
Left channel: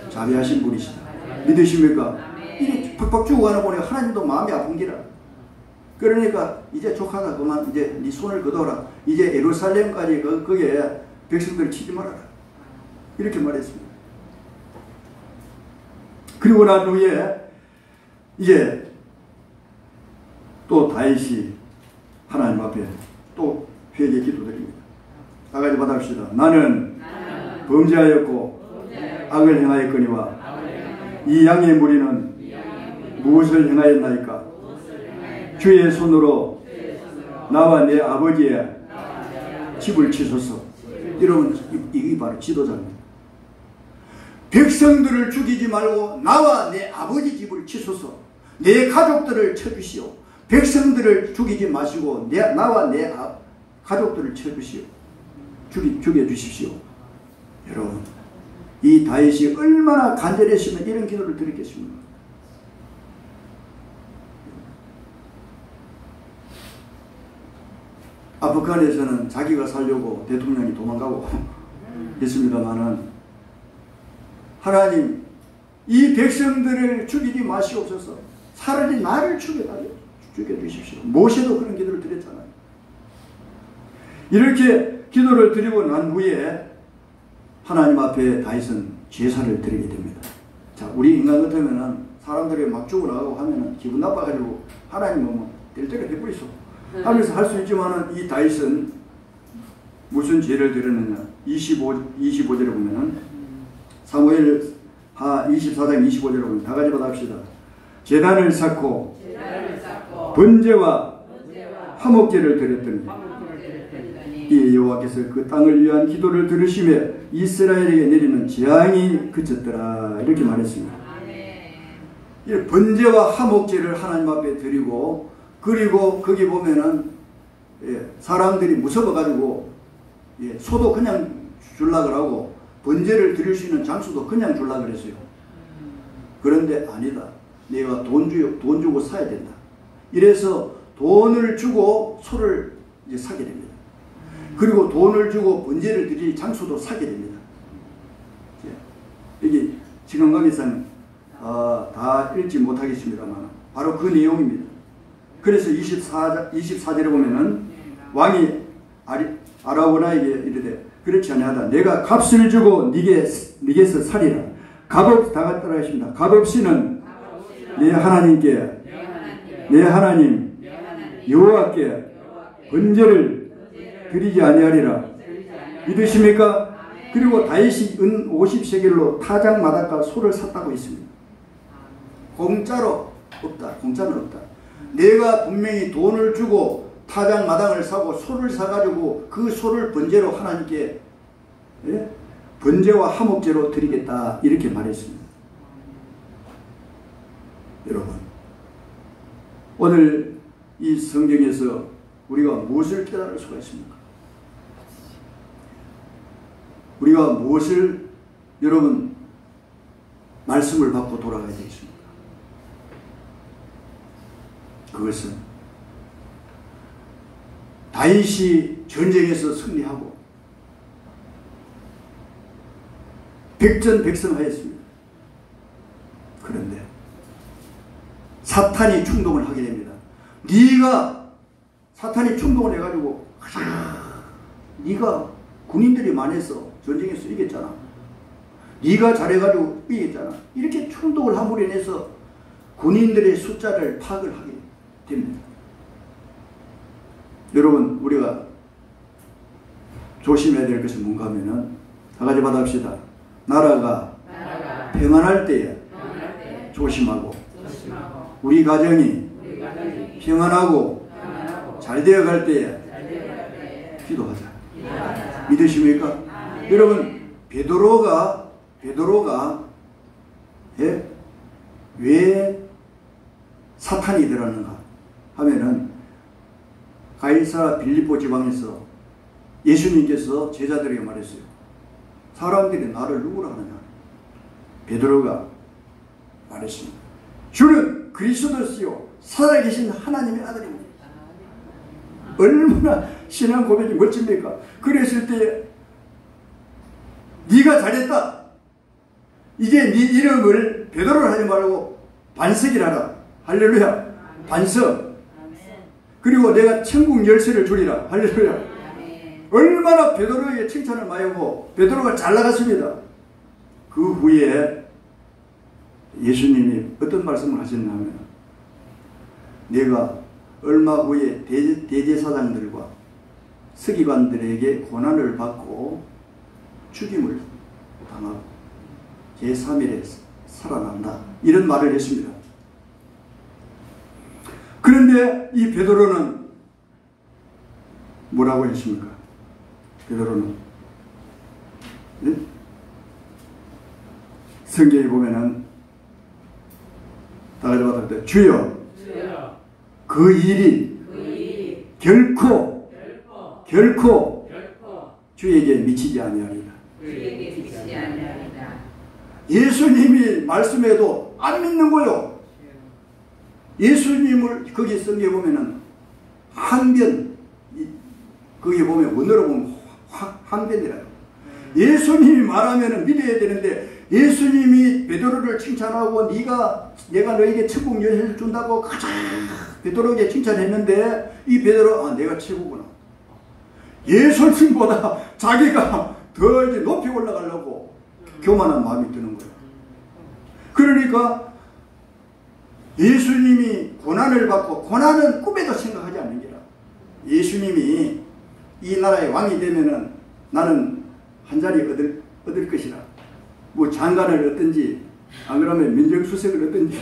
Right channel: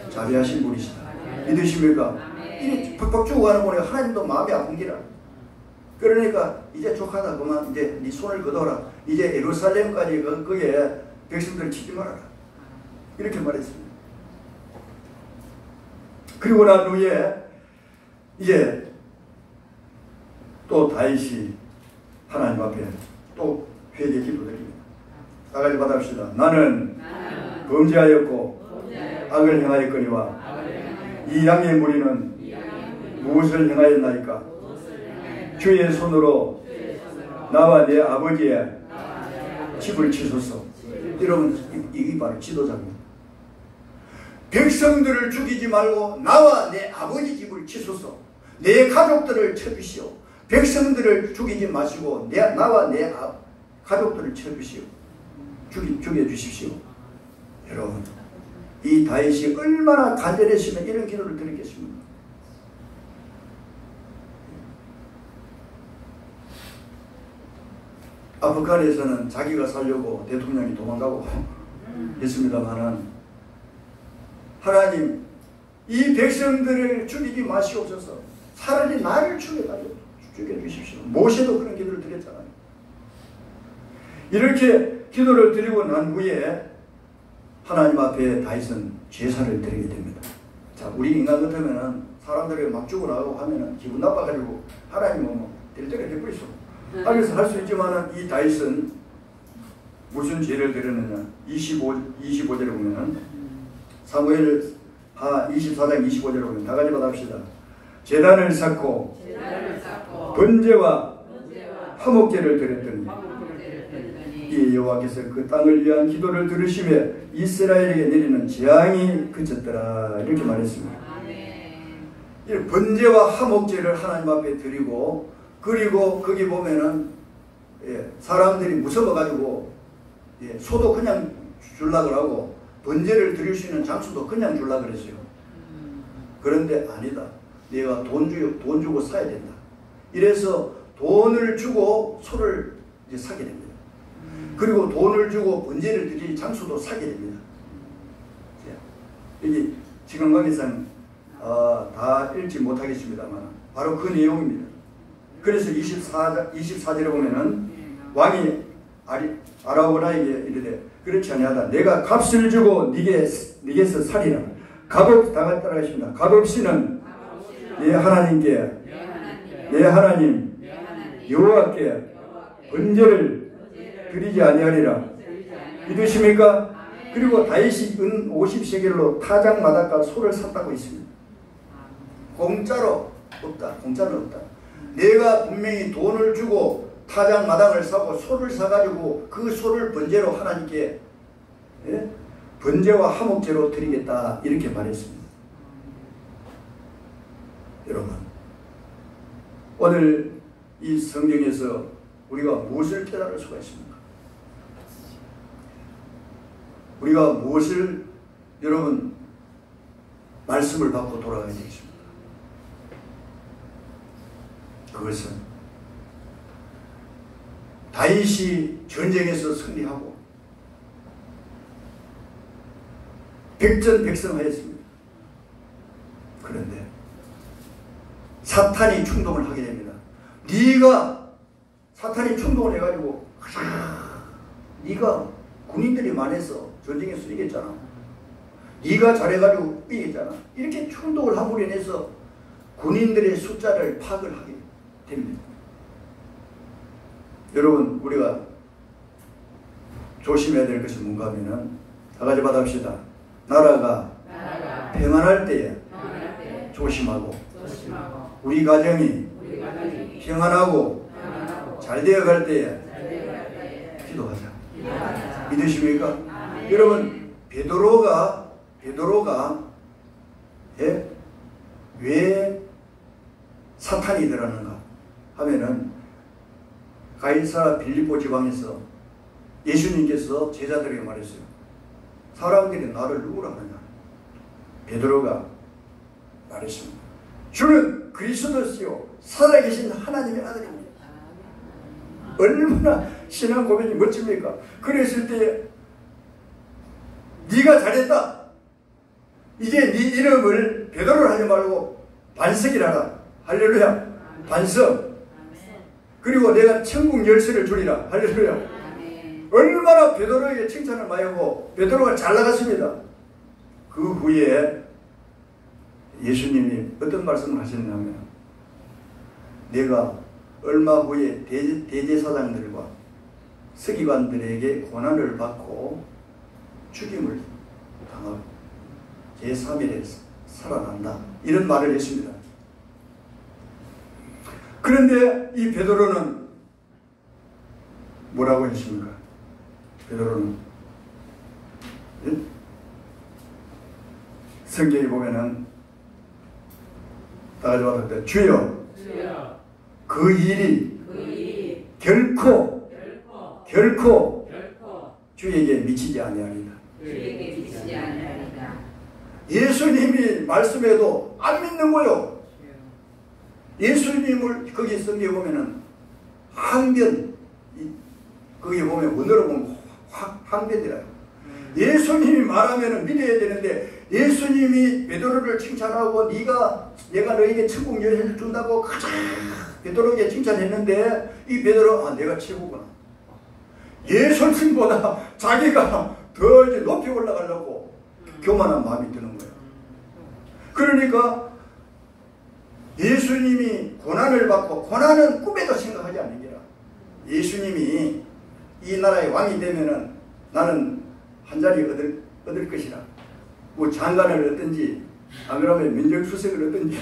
자비하신 분이시다. 믿으십니까? 이게 팍팍 죽어가는 보니까 하나님도 마음이 아픈 기라. 그러니까 이제 족하다. 그만 이제 네 손을 거둬라. 이제 예루살렘까지 거기에 백성들을 치지 말아라. 이렇게 말했습니다. 그리고 난 후에 이제 또 다윗이 하나님 앞에 또 회개 기도드립니다. 다 같이 받아봅시다. 나는 범죄하였고 악을 행하였거니와 이 양의 무리는 무엇을 행하였나이까? 주의 손으로 나와 내 아버지의 집을 치소서. 이러면 이게 바로 지도자입니다. 백성들을 죽이지 말고 나와 내 아버지 집을 치소서. 내 가족들을 쳐주시오. 백성들을 죽이지 마시고 나와 내 가족들을 쳐주시오. 죽여주십시오. 여러분 이 다윗이 얼마나 간절했으면 이런 기도를 드리겠습니까? 아프간에서는 자기가 살려고 대통령이 도망가고 했습니다만은 하나님 이 백성들을 죽이지 마시옵소서. 차라리 나를 죽여주십시오. 모세도 그런 기도를 드렸잖아요. 이렇게 기도를 드리고 난 후에 하나님 앞에 다윗은 제사를 드리게 됩니다. 자, 우리 인간 같으면은 사람들이 막 죽어나가고 하면은 기분 나빠가지고 하나님 뭐 될 때를 베풀이소 하면서 할 수 있지만은 이 다윗은 무슨 죄를 들었느냐. 25절에 보면 사무엘 24장 25절에 보면 다 같이 받합시다. 제단을 쌓고 번제와 화목제를 드렸더니 이 여호와께서 그 땅을 위한 기도를 들으시며 이스라엘에게 내리는 재앙이 그쳤더라. 이렇게 말했습니다. 이 번제와 화목제를 하나님 앞에 드리고, 그리고 거기 보면은 사람들이 무서워가지고 소도 그냥 줄라 그러고 번제를 드릴 수 있는 장소도 그냥 줄라 그랬어요. 그런데 아니다. 내가 돈 주고 사야 된다. 이래서 돈을 주고 소를 이제 사게 됩니다. 그리고 돈을 주고 번제를 드릴 장소도 사게 됩니다. 여기 지금 거기서는 다 읽지 못하겠습니다만 바로 그 내용입니다. 그래서 24절에 보면은 왕이 아라고나에게 이르되 그렇지 아니하다. 내가 값을 주고 네게서 살리라. 값없이 다 같이 따라하십니다. 값없이는 내 하나님께 내 하나님 여호와께 번제를 드리지 아니하리라. 믿으십니까? 그리고 다윗이 은 50세겔로 타작마다가 소를 샀다고 했습니다. 공짜로 없다. 공짜는 없다. 내가 분명히 돈을 주고 타작마당을 사고 소를 사가지고 그 소를 번제로 하나님께 번제와 화목제로 드리겠다. 이렇게 말했습니다. 여러분, 오늘 이 성경에서 우리가 무엇을 깨달을 수가 있습니까? 우리가 무엇을 여러분 말씀을 받고 돌아가야 되겠습니까? 그것은 다윗이 전쟁에서 승리하고 백전백승하였습니다. 그런데 사탄이 충동을 하게 됩니다. 사탄이 충동을 해가지고 네가 군인들이 많아서 전쟁에서 이겼잖아. 네가 잘해가지고 이겼잖아. 이렇게 충동을 함으로 인해서 군인들의 숫자를 파악을 하게 됩니다. 여러분, 우리가 조심해야 될 것이 뭔가 하면은 다 같이 받아봅시다. 나라가 평안할 때에 조심하고 우리 가정이 평안하고 잘 되어갈 때에 기도하자. 믿으십니까? 여러분, 베드로가 왜 사탄이 일어나는가 하면은 가이사라 빌립보 지방에서 예수님께서 제자들에게 말했어요. 사람들이 나를 누구라 하느냐? 베드로가 말했습니다. 주는 그리스도시요 살아계신 하나님의 아들입니다. 얼마나 신앙 고백이 멋집니까? 그랬을 때 네가 잘했다. 이제 네 이름을 베드로를 하지 말고 반석이라라. 할렐루야. 반석. 그리고 내가 천국 열쇠를 주리라. 할렐루야. 얼마나 베드로에게 칭찬을 많이 하고 베드로가 잘 나갔습니다. 그 후에 예수님이 어떤 말씀을 하셨냐면 내가 얼마 후에 대제사장들과 서기관들에게 고난을 받고 죽임을 당하고 제3일에 살아난다. 이런 말을 했습니다. 그런데 이 베드로는 뭐라고 했습니까? 베드로는 성경에 보면은 다른 말할 주여 그 일이 결코 주에게 미치지 아니하리라. 예수님이 말씀해도 안 믿는 거요. 예수님을 거기 성경에 보면은 항변, 거기 보면 원어로 보면 항변이라요. 예수님이 말하면은 믿어야 되는데 예수님이 베드로를 칭찬하고 내가 너에게 천국 열쇠를 준다고 가자 베드로에게 칭찬했는데 이 베드로 내가 최고구나. 예수님보다 자기가 더 이제 높이 올라가려고 교만한 마음이 드는 거예요. 그러니까 예수님이 고난을 받고 고난은 꿈에도 생각하지 않는 게야. 예수님이 이 나라의 왕이 되면은 나는 한 자리 얻을 것이라. 뭐 장관을 얻든지 안 그러면 민정수석을 얻든지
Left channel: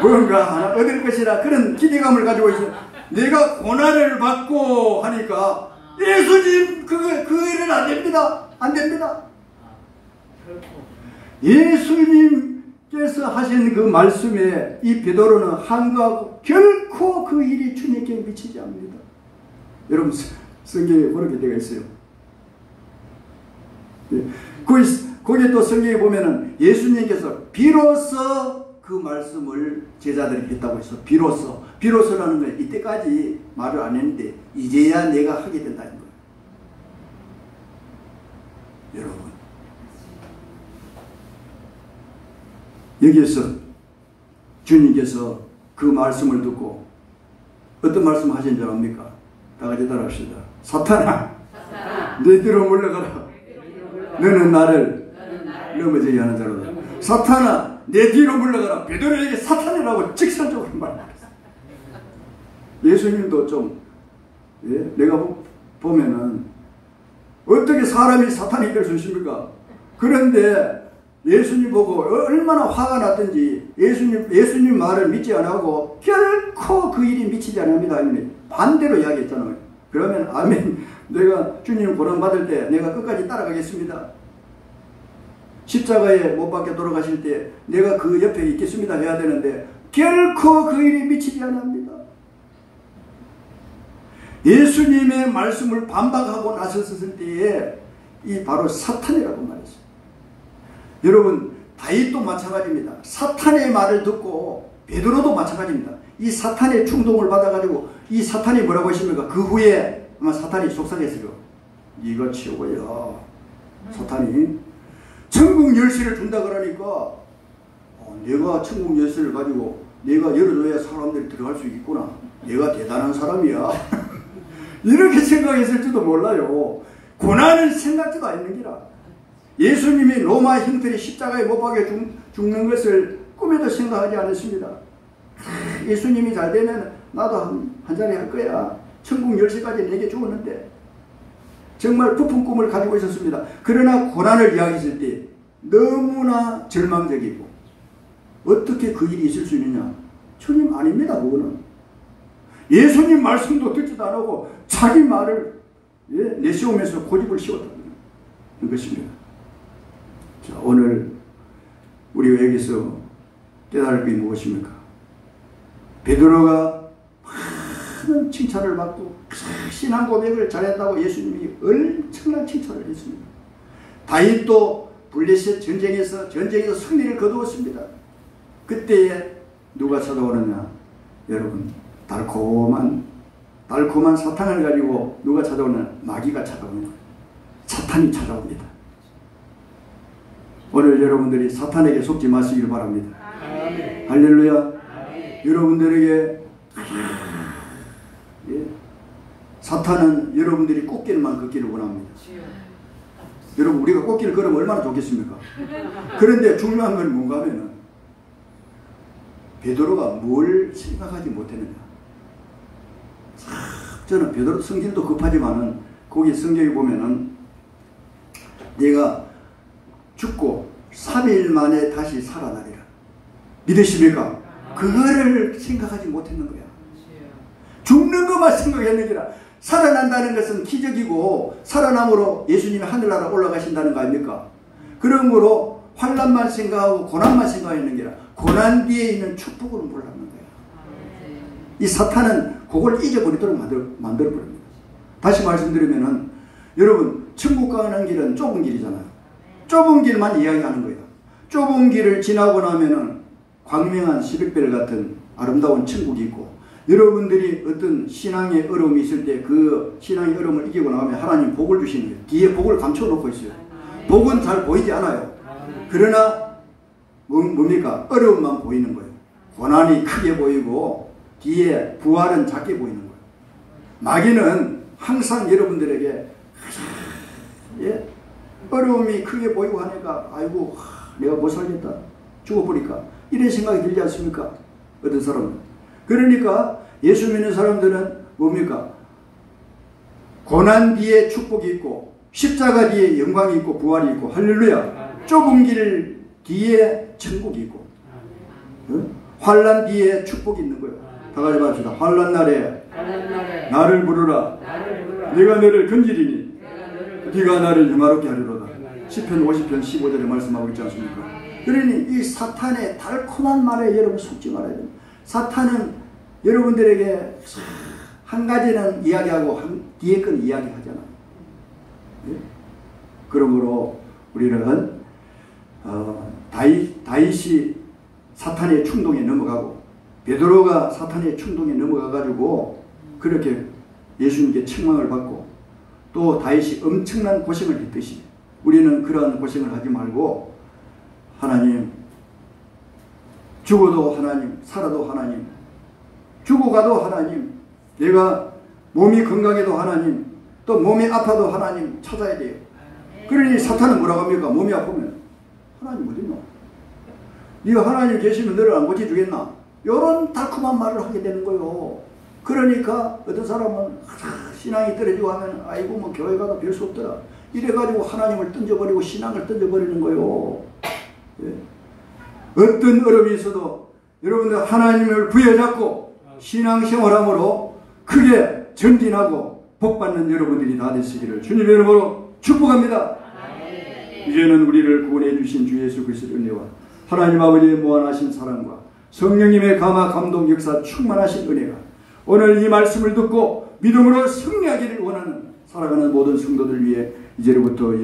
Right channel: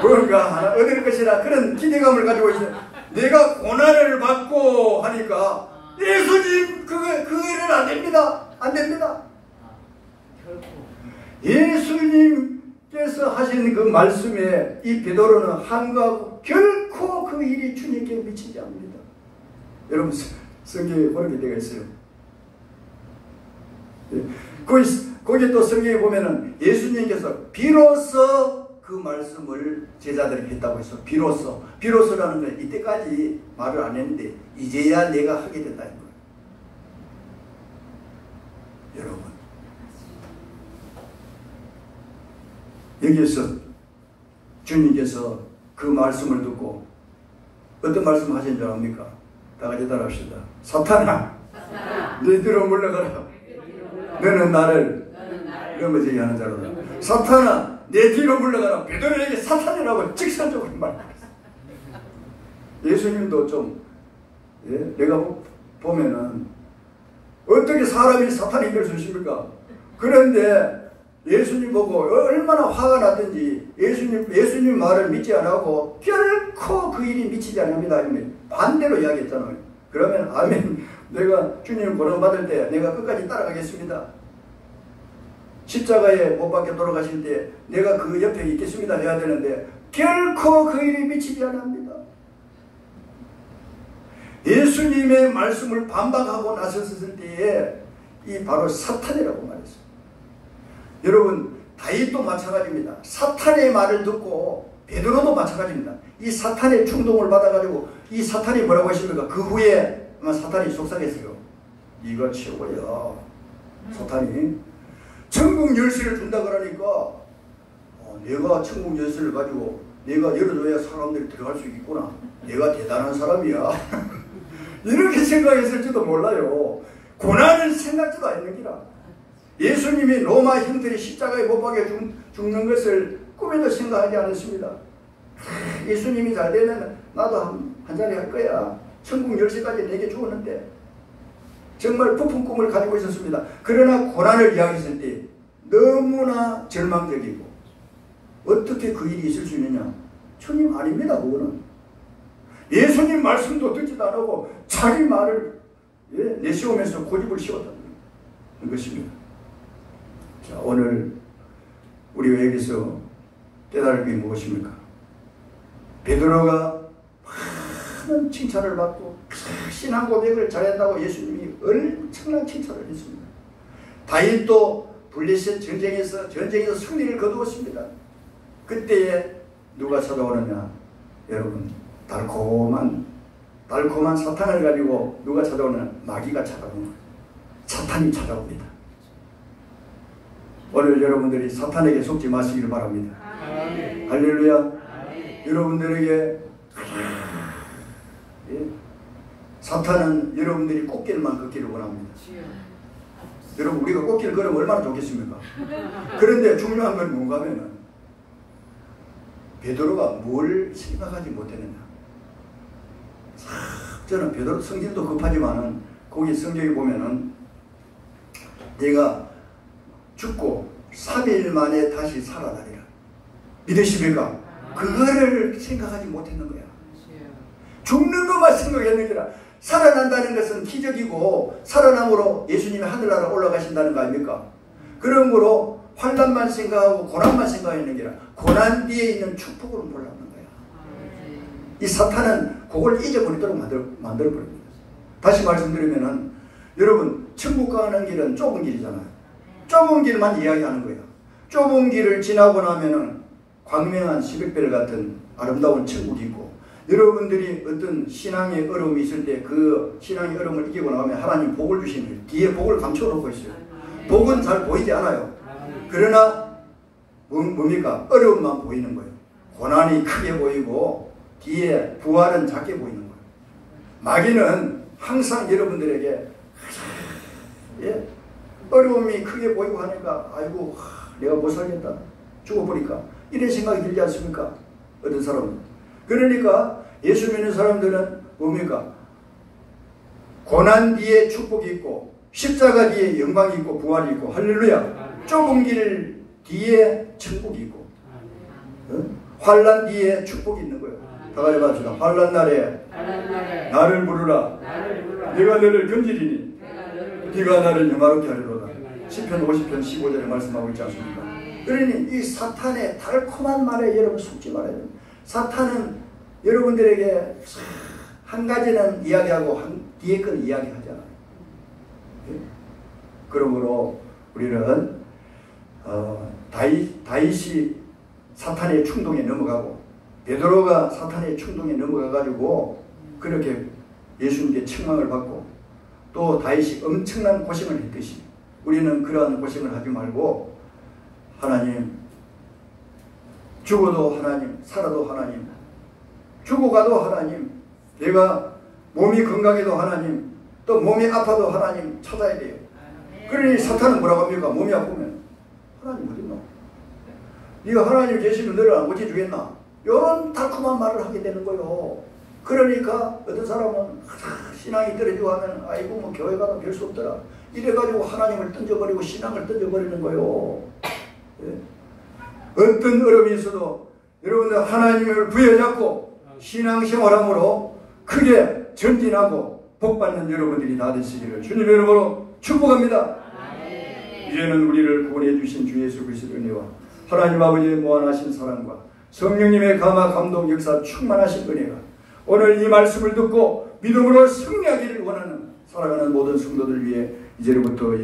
뭔가 하나 얻을 것이라 그런 기대감을 가지고 있어요. 내가 고난을 받고 하니까 예수님 그 일은 안 됩니다. 안 됩니다. 예수님께서 하신 그 말씀에 이 베드로는 한가하고 결코 그 일이 주님께 미치지 않습니다. 여러분 성경에 그렇게 되어 있어요. 예. 거기 또 성경에 보면은 예수님께서 비로소 그 말씀을 제자들에게 했다고 했어. 비로소라는 건 이때까지 말을 안 했는데 이제야 내가 하게 된다는 거예요. 여러분 여기에서 주님께서 그 말씀을 듣고 어떤 말씀 하신 줄 압니까? 다 같이 따라합시다. 사탄아 내 뒤로 물러가라. 너는 나를 넘어지게 하는 자로다. 사탄아 내 뒤로 물러가라. 베드로에게 사탄이라고 직설적으로 말했어요. 예수님도 좀 내가 보면은 어떻게 사람이 사탄이 될 수 있습니까? 그런데 예수님 보고 얼마나 화가 났든지 예수님 말을 믿지 않고 결코 그 일이 미치지 않습니다. 반대로 이야기했잖아요. 그러면 아멘. 내가 주님을 고난받을 때 내가 끝까지 따라가겠습니다. 십자가에 못 박혀 돌아가실 때 내가 그 옆에 있겠습니다 해야 되는데 결코 그 일이 미치지 않습니다. 예수님의 말씀을 반박하고 나섰을 때에 이 바로 사탄이라고 말했어요. 여러분 다윗도 마찬가지입니다. 사탄의 말을 듣고 베드로도 마찬가지입니다. 이 사탄의 충동을 받아가지고 이 사탄이 뭐라고 하십니까? 그 후에 아마 사탄이 속삭였어요. 네가 치워야 사탄이 천국 열쇠를 준다 그러니까 내가 천국 열쇠를 가지고 내가 열어줘야 사람들이 들어갈 수 있구나. 내가 대단한 사람이야. 이렇게 생각했을지도 몰라요. 고난을 생각지도 않는 기라. 예수님이 로마 형들이 십자가에 못 박혀 죽는 것을 꿈에도 생각하지 않았습니다. 예수님이 잘 되면 나도 한 자리 할 거야. 천국 열쇠까지 내게 주었는데 정말 부푼 꿈을 가지고 있었습니다. 그러나 고난을 이야기했을 때 너무나 절망적이고 어떻게 그 일이 있을 수 있느냐. 주님 아닙니다. 그거는. 예수님 말씀도 듣지도 않고 자기 말을 내세우면서 고집을 씌웠다는 것입니다. 자, 오늘 우리가 여기서 깨달을 게 무엇입니까? 베드로가 많은 칭찬을 받고 신앙 고백을 잘한다고 예수님이 엄청난 칭찬을 했습니다. 다윗도 블레셋 전쟁에서 승리를 거두었습니다. 그때에 누가 찾아오느냐? 여러분 달콤한 사탄을 가지고 누가 찾아오느냐? 마귀가 찾아옵니다. 사탄이 찾아옵니다. 오늘 여러분들이 사탄에게 속지 마시길 바랍니다. 아멘. 할렐루야. 아멘. 여러분들에게 사탄은 여러분들이 꽃길만 걷기를 원합니다. 여러분 우리가 꽃길을 걸으면 얼마나 좋겠습니까? 그런데 중요한 건 뭔가 하면은 베드로가 뭘 생각하지 못했느냐. 저는 베드로 성질도 급하지만은 거기 성경에 보면은 내가 죽고 3일 만에 다시 살아나리라. 믿으십니까? 그거를 생각하지 못했는 거야. 죽는 것만 생각했는 거라. 살아난다는 것은 기적이고 살아남으로 예수님이 하늘나라 올라가신다는 거 아닙니까? 그러므로 환난만 생각하고 고난만 생각했는 게라. 고난 뒤에 있는 축복을 몰랐는 거야. 이 사탄은 그걸 잊어버리도록 만들어버립니다. 다시 말씀드리면은 여러분 천국 가는 길은 좁은 길이잖아요. 좁은 길만 이야기하는 거예요. 좁은 길을 지나고 나면은 광명한 시백별 같은 아름다운 천국이 있고 여러분들이 어떤 신앙의 어려움이 있을 때 그 신앙의 어려움을 이기고 나오면 하나님 복을 주시는 거예요. 뒤에 복을 감춰놓고 있어요. 복은 잘 보이지 않아요. 그러나 뭡니까? 어려움만 보이는 거예요. 고난이 크게 보이고 뒤에 부활은 작게 보이는 거예요. 마귀는 항상 여러분들에게 어려움이 크게 보이고 하니까 아이고 내가 못 살겠다. 죽어버릴까. 이런 생각이 들지 않습니까? 어떤 사람은. 그러니까 예수 믿는 사람들은 뭡니까? 고난 뒤에 축복이 있고 십자가 뒤에 영광이 있고 부활이 있고 할렐루야. 좁은 길 뒤에 천국이 있고 환난 뒤에 축복이 있는 거예요. 다 같이 합시다. 환난 날에 나를 부르라. 내가 너를 건지리니 네가 나를 영화롭게 하리로다. 시편 50편 15절에 말씀하고 있지 않습니까? 그러니 이 사탄의 달콤한 말에 여러분 속지 말아야 됩니다. 사탄은 여러분들에게 한 가지는 이야기하고 뒤에 건 이야기하잖아요. 예? 그러므로 우리는 다윗이 사탄의 충동에 넘어가고 베드로가 사탄의 충동에 넘어가가지고 그렇게 예수님께 책망을 받고 또 다윗이 엄청난 고생을 했듯이 우리는 그러한 고생을 하지 말고 하나님, 죽어도 하나님, 살아도 하나님, 죽어가도 하나님, 내가 몸이 건강해도 하나님, 또 몸이 아파도 하나님 찾아야 돼. 그러니 사탄은 뭐라고 합니까? 몸이 아프면 하나님 어딨나? 네가 하나님 계시면 너를 안 고쳐주겠나? 이런 달콤한 말을 하게 되는 거요. 그러니까 어떤 사람은 신앙이 떨어지고 하면 아이고 뭐 교회 가도 별 수 없더라. 이래가지고 하나님을 던져버리고 신앙을 던져버리는 거요. 예. 어떤 어려움이 있어도 여러분들 하나님을 부여잡고 신앙생활함으로 크게 전진하고 복받는 여러분들이 다 되시기를 주님의 이름으로 축복합니다. 이제는 우리를 구원해 주신 주 예수 그리스도의 은혜와 하나님 아버지의 무한하신 사랑과 성령님의 감화 감동 역사 충만하신 은혜가 오늘 이 말씀을 듣고 믿음으로 승리하기를 원하는 살아가는 모든 성도들 위해 이제부터